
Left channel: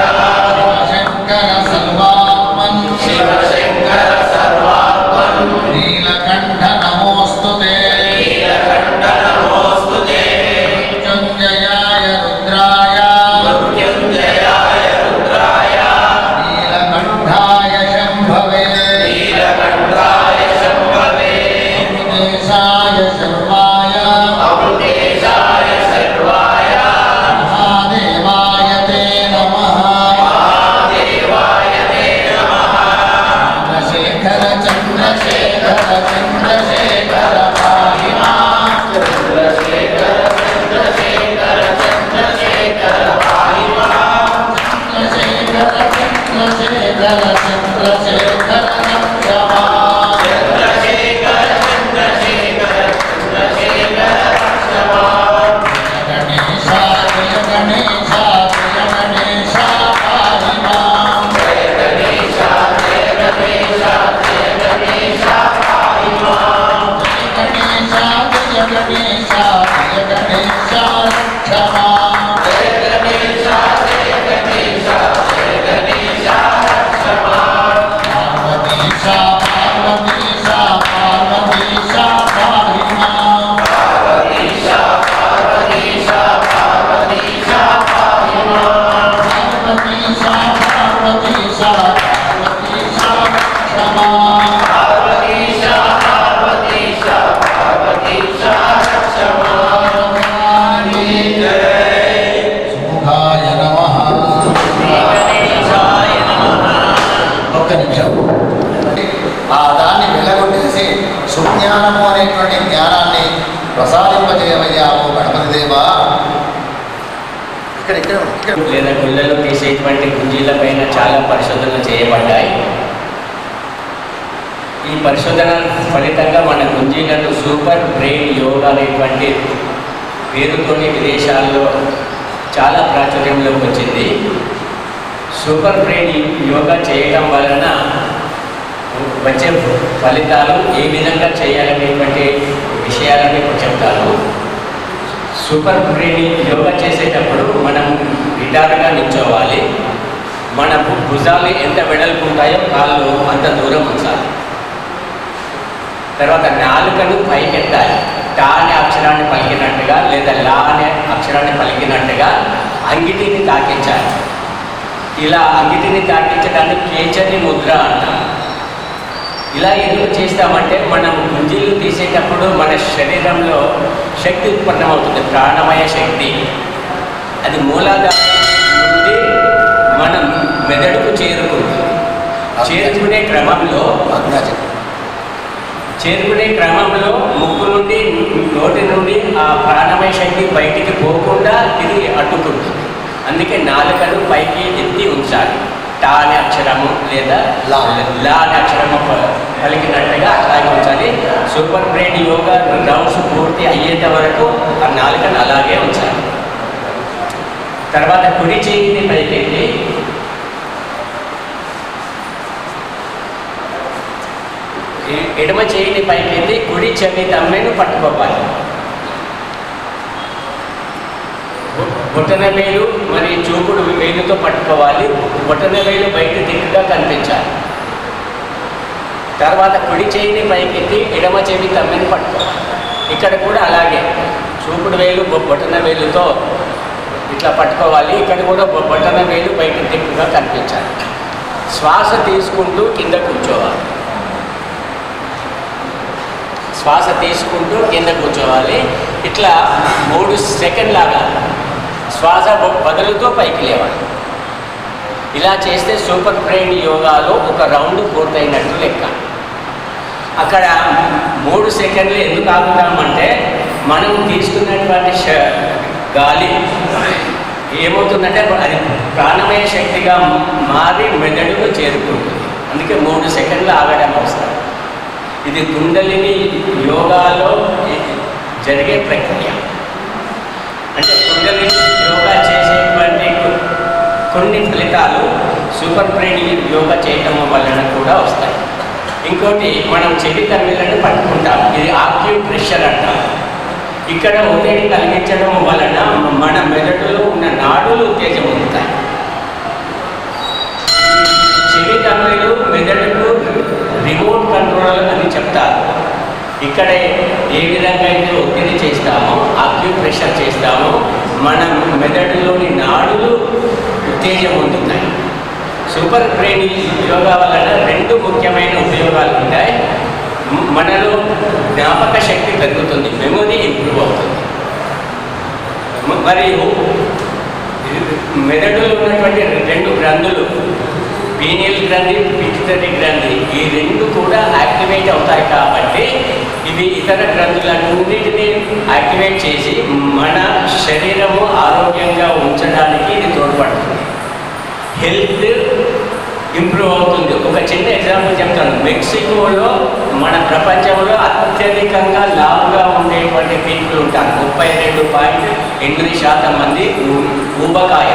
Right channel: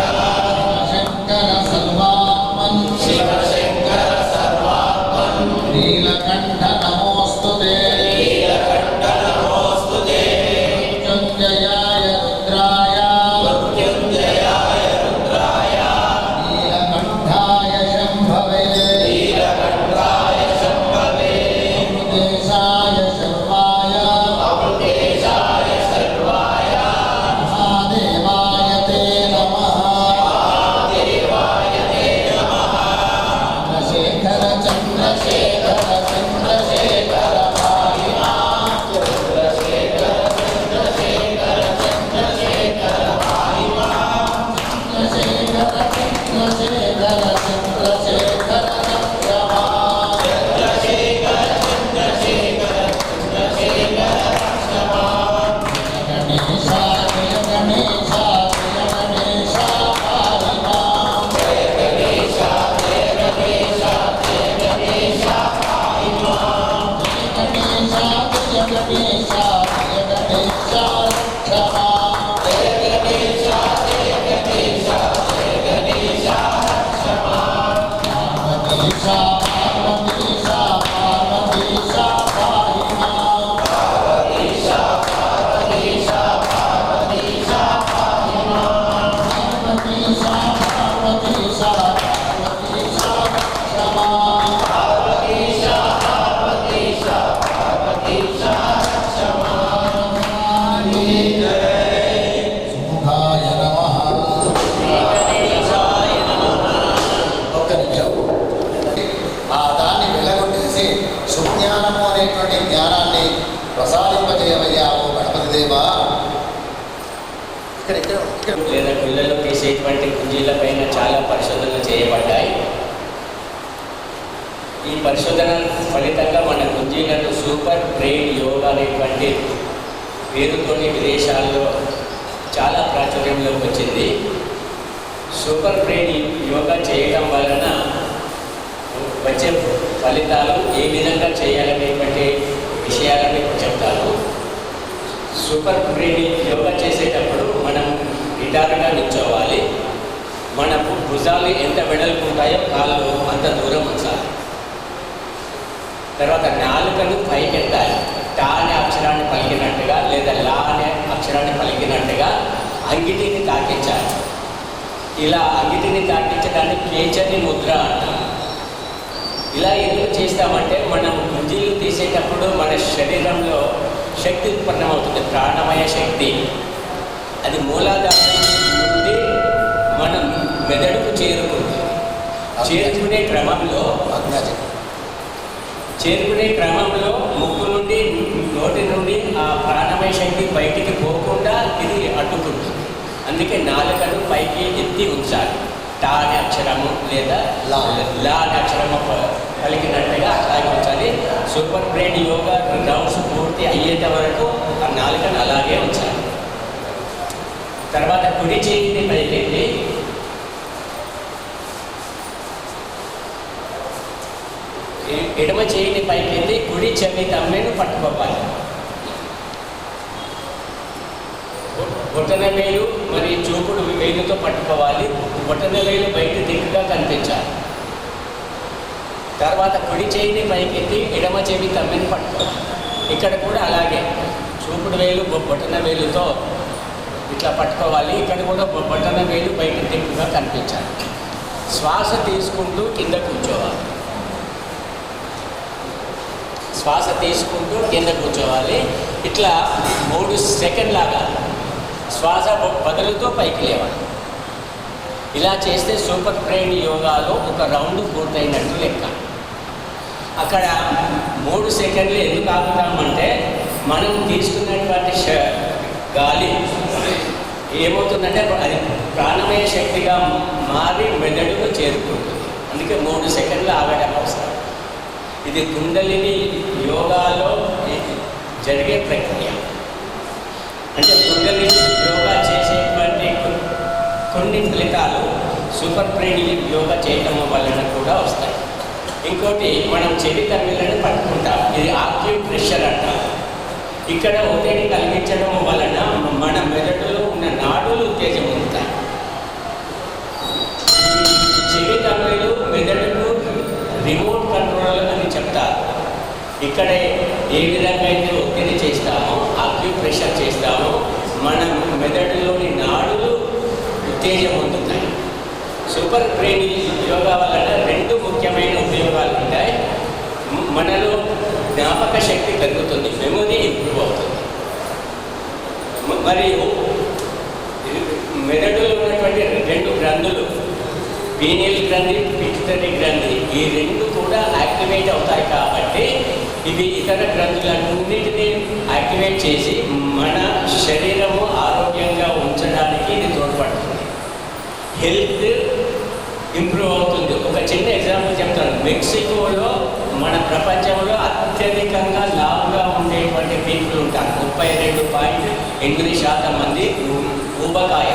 శంకర సర్వాత్మన్ శివశంకర సర్వాత్మన్ నీలకంఠ నమోస్తుతే నీలకంఠ నమోస్తుతే మృత్యుంజయాయ రుద్రాయ మృత్యుంజయాయ రుద్రాయ నీలకంఠాయ శంభవే నీలకంఠాయ శంభవే అమృతేశాయ శర్వాయ అమృతేశాయ సర్వాయ మహాదేవాయ తే నమః మహాదేవాయ తే నమః చంద్రశేఖర చంద్రశేఖర చంద్రశేఖర పాహి మాం చంద్రశేఖర చంద్రశేఖర చంద్రశేఖర పాహి మాం చంద్రశేఖర చంద్రశేఖర చంద్రశేఖర నమః చంద్రశేఖర చంద్రశేఖర చంద్రశేఖర రక్ష మాం గణేశాయ గణేశాయ గణేశా పాహి మాం జయ గణేశ జయ గణేశ జయ గణేశ పాహి మాం జయ గణేశా జయ గణేశా రక్ష మాం జయ గణేశ జయ గణేశ జయ గణేశ రక్ష మాం పార్వతీశా పార్వతీశా పార్వతీశా పాహి మాం పార్వతీశ పార్వతీశ పార్వతీశ పాహి మాం పార్వతీశా పార్వతీశా పార్వతీశా రక్ష మాం పార్వతీశ పార్వతీశ పార్వతీశ రక్ష మాం జయ సుముఖాయ నమః గణేశాయ నమః ఒక్క నిమిషం ఆ దాన్ని వెళ్ళగొట్టేసి సుజ్ఞానము అనేటువంటి జ్ఞానాన్ని ప్రసాదింపజేయమయ్యాము గణపతి దేవా ఇక్కడ లేదా గుళ్ళలో తీసేటువంటి గుంజీల పైన చాలా పరిశోధనలు చేయబడ్డాయి. ఈ పరిశోధన ఫలితంగా మన గుంజీలను సూపర్ బ్రెయిన్ యోగా అనేటువంటి పేరుతోని విదేశాల్లో చాలా ప్రాచుర్యంలోకి వచ్చింది. సూపర్ బ్రెయిన్ యోగా చేయటం వలన వచ్చే ఫలితాలు ఏ విధంగా చేయాలనేటువంటి విషయాలను ఇప్పుడు చెప్తాను. సూపర్ బ్రెయిన్ యోగా చేసేటప్పుడు మనం నిటారుగా నిల్చోవాలి. మన భుజాలు ఎంత వెడల్పు ఉంటాయో కాళ్ళు అంత దూరం ఉంచాలి. తర్వాత నాలుకను పైకెత్తాలి. టా అనే అక్షరాన్ని పలికినట్టుగా లేదా లా అనే అక్షరాన్ని పలికినట్టుగా అంగిటిని తాకించాలి. ఇలా అంగిటిని తాకించడాన్ని కేచరి ముద్ర అంటాం. ఇలా ఎందుకు చేస్తామంటే మనం గుంజీలు తీసేటప్పుడు మన శరీరంలో శక్తి ఉత్పన్నమవుతుంది, ప్రాణమయ శక్తి. అది మూలాధారం నుండి మనం మెదడుకు చేరుకుంటుంది. చేరుకునే క్రమంలో చేరుకునే క్రమంలో ముక్కు నుండి నోటి నుండి ఆ ప్రాణమయ శక్తి బయటికి పోకుండా ఇది అడ్డుకుంటుంది. అందుకే నాలుకను పైకి ఎత్తి ఉంచాలి. టా అనే అక్షరము లేదా లా అనే అక్షరము పలికినట్టుగా అట్లాగే ఉంచాలి. సూపర్ బ్రెయిన్ యోగా రౌండ్స్ పూర్తి అయ్యేంత వరకు ఆ నాలుకను అలాగే ఉంచాలి. తర్వాత కుడి చేయిని పైకెత్తి ఎడమ చేయిని పైకెత్తి కుడి చెవి తమ్మెను పట్టుకోవాలి. బొటన వేలు మరియు చూపుడు వేలుతో పట్టుకోవాలి. బొటన వేలు బయట దిక్కుగా కనిపించాలి. తర్వాత కుడి చేయిని పైకెత్తి ఎడమ చెవి తమ్మెను పట్టుకోవాలి. ఇక్కడ కూడా అలాగే చూపుడు వేలు బొటన వేలుతో ఇట్లా పట్టుకోవాలి. ఇక్కడ కూడా బొటన వేలు బయట దిక్కుగా కనిపించాలి. శ్వాస తీసుకుంటూ కింద కూర్చోవాలి. శ్వాస తీసుకుంటూ కింద కూర్చోవాలి. ఇట్లా 3 సెకండ్ లాగా శ్వాస బదులుతో పైకి లేవాలి. ఇలా చేస్తే సూపర్ బ్రెయిన్ యోగాలో ఒక రౌండ్ పూర్తయినట్టు లెక్క. అక్కడ 3 సెకండ్లు ఎందుకు ఆగుతామంటే మనం తీసుకున్నటువంటి గాలి ఏమవుతుందంటే అది ప్రాణమయ శక్తిగా మారి మెదడుకు చేరుకుంటుంది. అందుకే 3 సెకండ్లు ఆగడం అవసరం. ఇది కుండలిని యోగాలో జరిగే ప్రక్రియ. అంటే కుండలిని యోగా చేసేటువంటి కొన్ని ఫలితాలు సూపర్ బ్రెయిన్ యోగా చేయటం వలన కూడా వస్తాయి. ఇంకోటి మనం చెవి తమ్మిలను పట్టుకుంటాం. ఇది ఆక్యుప్రెషర్ అంటాం. ఇక్కడ ఒత్తిడి కలిగించడం వలన మన మెదడులో ఉన్న నాడులు ఉత్తేజం పొందుతాయి. చెవి తమ్మిలు మెదడుకు రిమోట్ కంట్రోల్ అని చెప్తారు. ఇక్కడ ఏ విధంగా అయితే ఒత్తిడి చేస్తామో ఆక్యుప్రెషర్ చేస్తామో మన మెదడులోని నాడులు ఉత్తేజం పొందుతాయి. సూపర్ బ్రెయిన్ యోగా వలన 2 ముఖ్యమైన ఉపయోగాలు ఉంటాయి. మనలో జ్ఞాపక శక్తి పెరుగుతుంది, మెమొరీ ఇంప్రూవ్ అవుతుంది. మరియు మెదడులో ఉన్నటువంటి 2 గ్రంథులు పీనియల్ గ్రంథి, పిట్యూటరీ గ్రంథి, ఈ 2 కూడా యాక్టివేట్ అవుతాయి. కాబట్టి ఇవి ఇతర గ్రంథులన్నింటినీ యాక్టివేట్ చేసి మన శరీరము ఆరోగ్యంగా ఉంచడానికి ఇది తోడ్పడుతుంది. హెల్త్ ఇంప్రూవ్ అవుతుంది. ఒక చిన్న ఎగ్జాంపుల్ చెప్తాను. మెక్సికోలో మన ప్రపంచంలో అత్యధికంగా లావుగా ఉండేటువంటి పీపుల్ ఉంటారు. 32.8% మంది ఊబకాయ.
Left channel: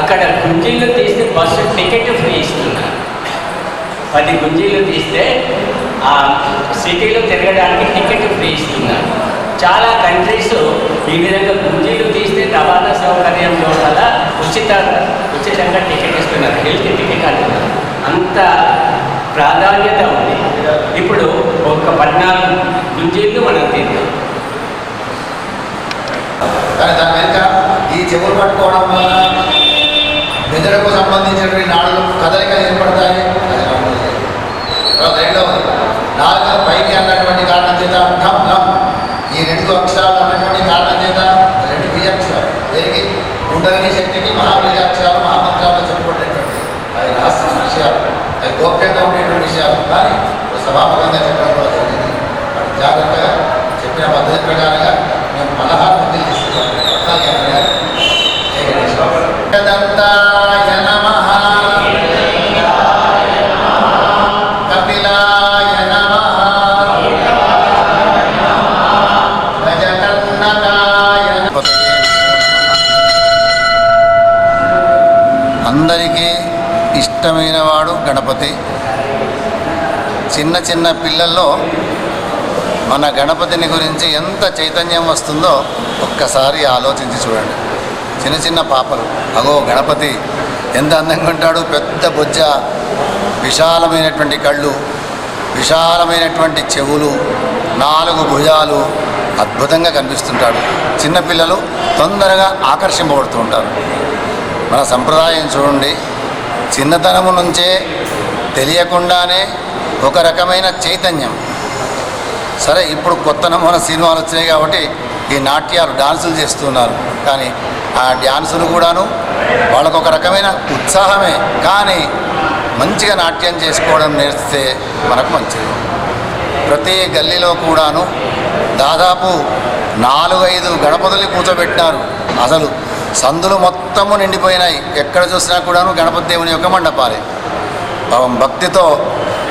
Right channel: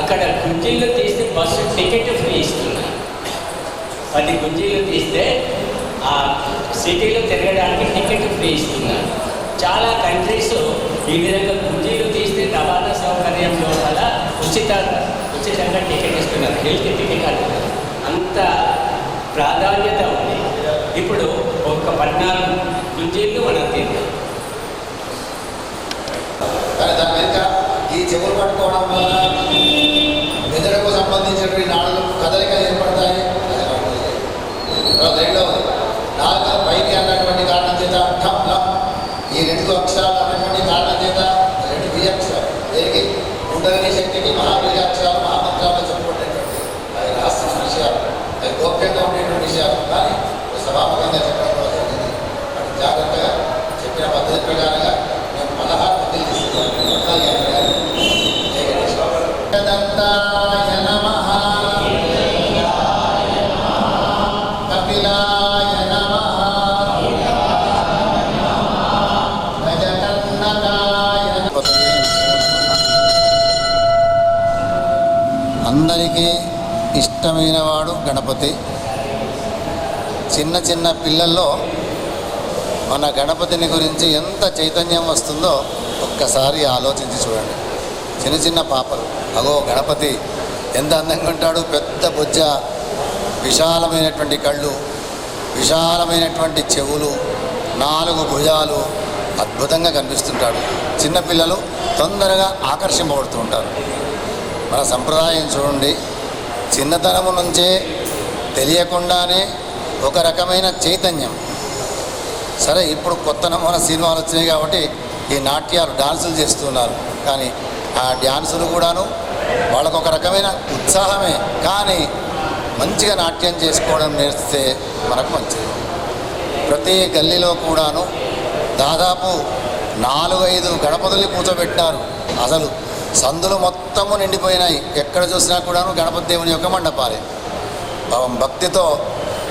అక్కడ గుంజీలు తీస్తే బస్సు టికెట్ ఫ్రీ ఇస్తున్నారు. 10 గుంజీలు తీస్తే ఆ సిటీలో తిరగడానికి టికెట్ ఫ్రీ ఇస్తున్నారు. చాలా కంట్రీస్ ఈ విధంగా గుంజీలు తీస్తే రవాణా సౌకర్యం లోపల ఉచితంగా టికెట్ ఇస్తున్నారు. హెల్త్ టికెట్ అంటున్నారు. అంత ప్రాధాన్యత ఉంది. ఇప్పుడు ఒక 14 గుంజీలు మనం తీద్దాం. కానీ దాని వెనుక ఈ చెవులు పట్టుకోవడం వల్ల మెదడుకు సంబంధించినటువంటి నాడులు కదలికలు ఏర్పడతాయి. తర్వాత రెండవది నాలుగు పైకి అన్నటువంటి కారణం చేత ఠం లం, ఈ 2 అక్షరాలు అన్నటువంటి కారణం చేత 2 బీజాక్షరాలు దీనికి కుండలిని శక్తికి మహాబీజాక్షరాలు మహామంత్రాలు చెప్పుకునేటువంటి అవి రహస్య విషయాలు, అవి గోప్యంగా ఉండేటువంటి విషయాలు. కానీ సభాముఖంగా చెప్పడం కూడా జరిగింది. జాగ్రత్తగా చెప్పిన పద్ధతి ప్రకారంగా మేము 16 మందిని తీసుకున్నాం. జయ గణేష్. దంతాయ నమః, కపిలాయ నమః, గజకర్ణకాయ నమః. అందరికీ ఇష్టమైన వాడు గణపతి. చిన్న చిన్న పిల్లల్లో మన గణపతిని గురించి ఎంత చైతన్యం వస్తుందో ఒక్కసారి ఆలోచించి చూడండి. చిన్న చిన్న పాపలు, అగో గణపతి ఎంత అందంగా ఉంటాడు, పెద్ద బొజ్జ, విశాలమైనటువంటి కళ్ళు, విశాలమైనటువంటి చెవులు, 4 భుజాలు, అద్భుతంగా కనిపిస్తుంటాడు. చిన్నపిల్లలు తొందరగా ఆకర్షింపబడుతూ ఉంటారు. మన సంప్రదాయం చూడండి, చిన్నతనము నుంచే తెలియకుండానే ఒక రకమైన చైతన్యం. సరే, ఇప్పుడు కొత్త నమూనా సినిమాలు వచ్చినాయి కాబట్టి ఈ నాట్యాలు డాన్సులు చేస్తున్నారు. కానీ ఆ డ్యాన్సులు కూడాను వాళ్ళకు ఒక రకమైన ఉత్సాహమే. కానీ మంచిగా నాట్యం చేసుకోవడం నేర్పితే మనకు మంచిది. ప్రతి గల్లీలో కూడాను దాదాపు 4-5 గణపతుల్ని కూర్చోబెట్టినారు. అసలు సందులు మొత్తము నిండిపోయినాయి. ఎక్కడ చూసినా కూడాను గణపతి దేవుని యొక్క మండపాలే. పాపం భక్తితో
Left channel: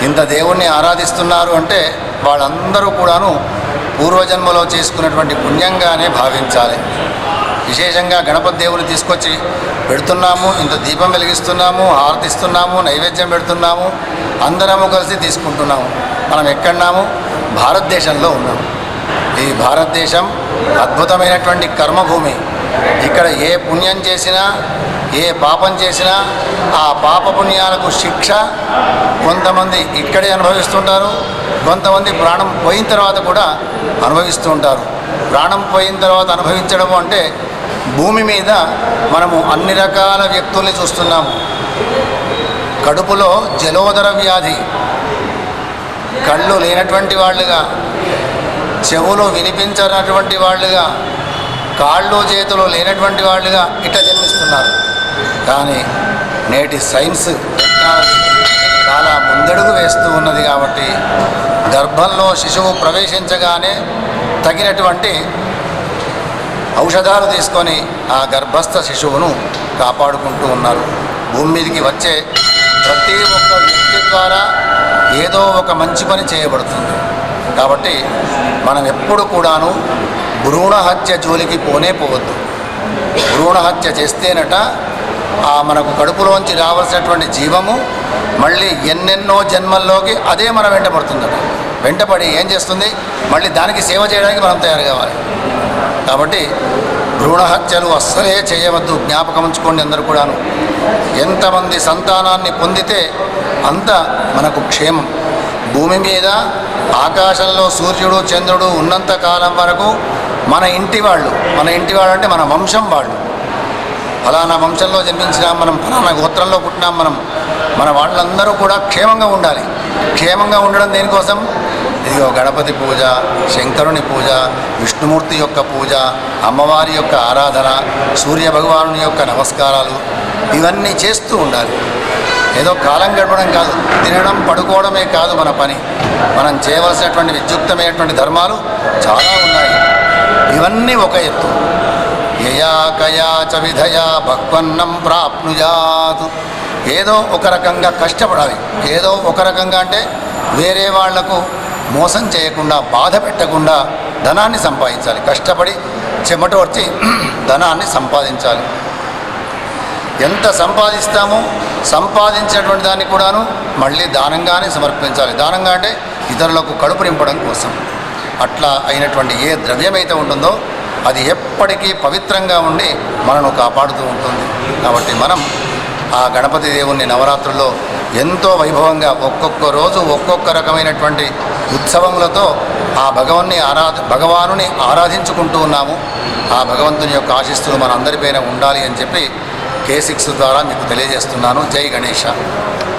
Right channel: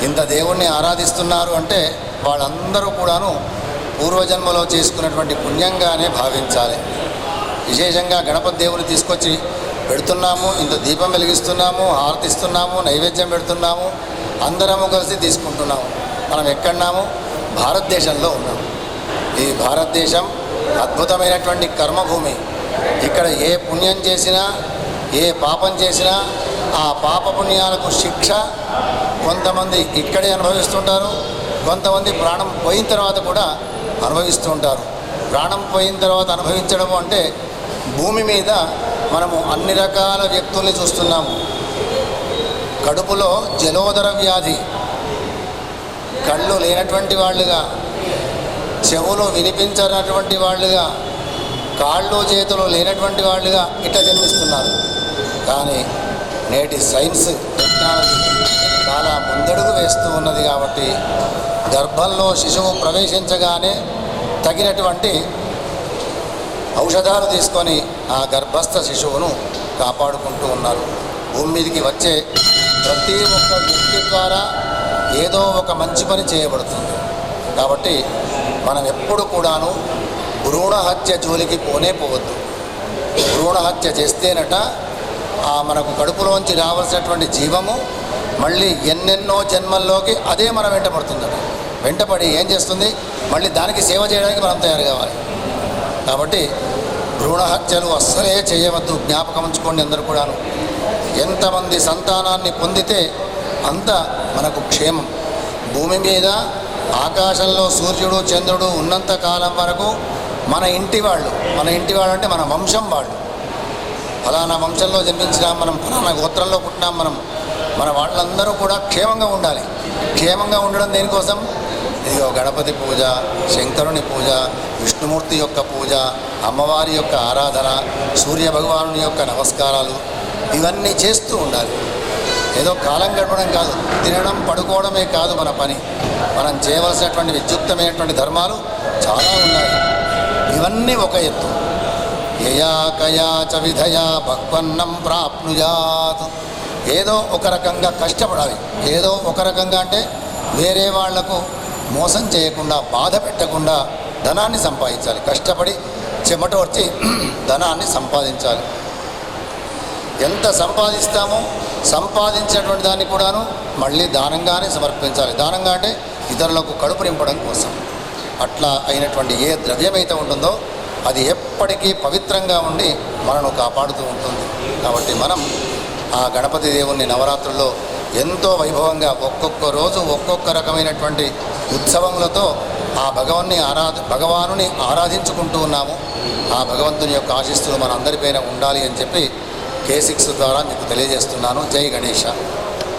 ఇంత దేవుణ్ణి ఆరాధిస్తున్నారు అంటే వాళ్ళందరూ కూడాను పూర్వజన్మలో చేసుకున్నటువంటి పుణ్యంగానే భావించాలి. విశేషంగా గణపతి దేవుని తీసుకొచ్చి పెడుతున్నాము, ఇంత దీపం వెలిగిస్తున్నాము, హారతిస్తున్నాము, నైవేద్యం పెడుతున్నాము, అందరము కలిసి తీసుకుంటున్నాము. మనం ఎక్కడున్నాము? భారతదేశంలో ఉన్నాము. ఈ భారతదేశం అద్భుతమైనటువంటి కర్మభూమి. ఇక్కడ ఏ పుణ్యం చేసినా, ఏ పాపం చేసినా ఆ పాప పుణ్యాలకు శిక్ష కొంతమంది ఇక్కడే అనుభవిస్తుంటారు, కొంతమంది ప్రాణం పోయిన తర్వాత కూడా అనుభవిస్తూ ఉంటారు. ప్రాణం పోయిన తర్వాత అనుభవించడం అంటే భూమి మీద మనము అన్ని రకాల వ్యక్తుల్ని చూస్తున్నాము. కడుపులో జలోదర వ్యాధి, కళ్ళు లేనటువంటి వాళ్ళుగా, చెవులు వినిపించనటువంటి వాళ్ళుగా, కాళ్ళు చేతులు లేనటువంటి వాళ్ళుగా ఇట్లా జన్మిస్తున్నారు. కానీ నేటి సైన్స్ టెక్నాలజీ చాలా ముందడుగు వేస్తూ ఉన్నది కాబట్టి గర్భంలో శిశువు ప్రవేశించగానే తగినటువంటి ఔషధాలు తీసుకొని ఆ గర్భస్థ శిశువును కాపాడుకుంటూ ఉన్నారు. భూమి మీదకి వచ్చే ప్రతి ఒక్క వ్యక్తి ద్వారా ఏదో ఒక మంచి పని చేయబడుతుంది. కాబట్టి మనం ఎప్పుడు కూడాను భ్రూణ హత్య జోలికి పోవద్దు. భ్రూణ హత్య చేస్తేనట మనకు కడుపులోంచి రావాల్సినటువంటి జీవము మళ్ళీ ఎన్నెన్నో జన్మల్లోకి అదే మన వెంటపడుతుందట. వెంటపడి ఏం చేస్తుంది? మళ్ళీ దానికి సేవ చేయడానికి మనం తయారు కావాలి. కాబట్టి భ్రూణ హత్యలు అస్సలే చేయవద్దు. జ్ఞాపకం ఉంచుకోండి అందరూ కూడాను. ఎంతమంది సంతానాన్ని పొందితే అంత మనకు క్షేమం. భూమి మీద ఆకాశంలో సూర్యుడు చంద్రుడు ఉన్నంత కాలం వరకు మన ఇంటి వాళ్ళు అంటే మన వంశం వాళ్ళు, ఫలానా వంశంలో జన్మించినాం మనం, ఫలానా గోత్రంలో పుట్టినాం మనం, మన వాళ్ళందరూ కూడా క్షేమంగా ఉండాలి. క్షేమంగా ఉండడం దేనికోసం? ఇదిగో గణపతి పూజ, శంకరుని పూజ, విష్ణుమూర్తి యొక్క పూజ, అమ్మవారి యొక్క ఆరాధన, సూర్య భగవానుని యొక్క నమస్కారాలు, ఇవన్నీ చేస్తూ ఉండాలి. ఏదో కాలం గడపడం కాదు, తినడం పడుకోవడమే కాదు మన పని. మనం చేయవలసినటువంటి విద్యుక్తమైనటువంటి ధర్మాలు చాలా ఉన్నాయి. ఇవన్నీ ఒక ఎత్తు. యయా కయా చ విధయా భక్వన్నం ప్రాప్నుయాత్. ఏదో ఒక రకంగా కష్టపడాలి. ఏదో ఒక రకంగా అంటే వేరే వాళ్లకు మోసం చేయకుండా, బాధ పెట్టకుండా ధనాన్ని సంపాదించాలి. కష్టపడి చెమట వచ్చి ధనాన్ని సంపాదించాలి. ఎంత సంపాదిస్తామో సంపాదించినటువంటి దాన్ని కూడాను మళ్ళీ దానంగానే సమర్పించాలి. దానంగా అంటే ఇతరులకు కడుపు నింపడం కోసం. అట్లా అయినటువంటి ఏ ద్రవ్యమైతే ఉంటుందో అది ఎప్పటికీ పవిత్రంగా ఉండి మనను కాపాడుతూ ఉంటుంది. కాబట్టి మనం ఆ గణపతి దేవుణ్ణి నవరాత్రుల్లో ఎంతో వైభవంగా ఒక్కొక్క రోజు ఒక్కొక్క రకమైనటువంటి ఉత్సవములతో ఆ భగవానుని ఆరాధించుకుంటూ ఉన్నాము. ఆ భగవంతుని యొక్క ఆశీస్సులు మనందరిపైన ఉండాలి అని చెప్పి K6 ద్వారా మీకు తెలియజేస్తున్నాను. జై గణేష.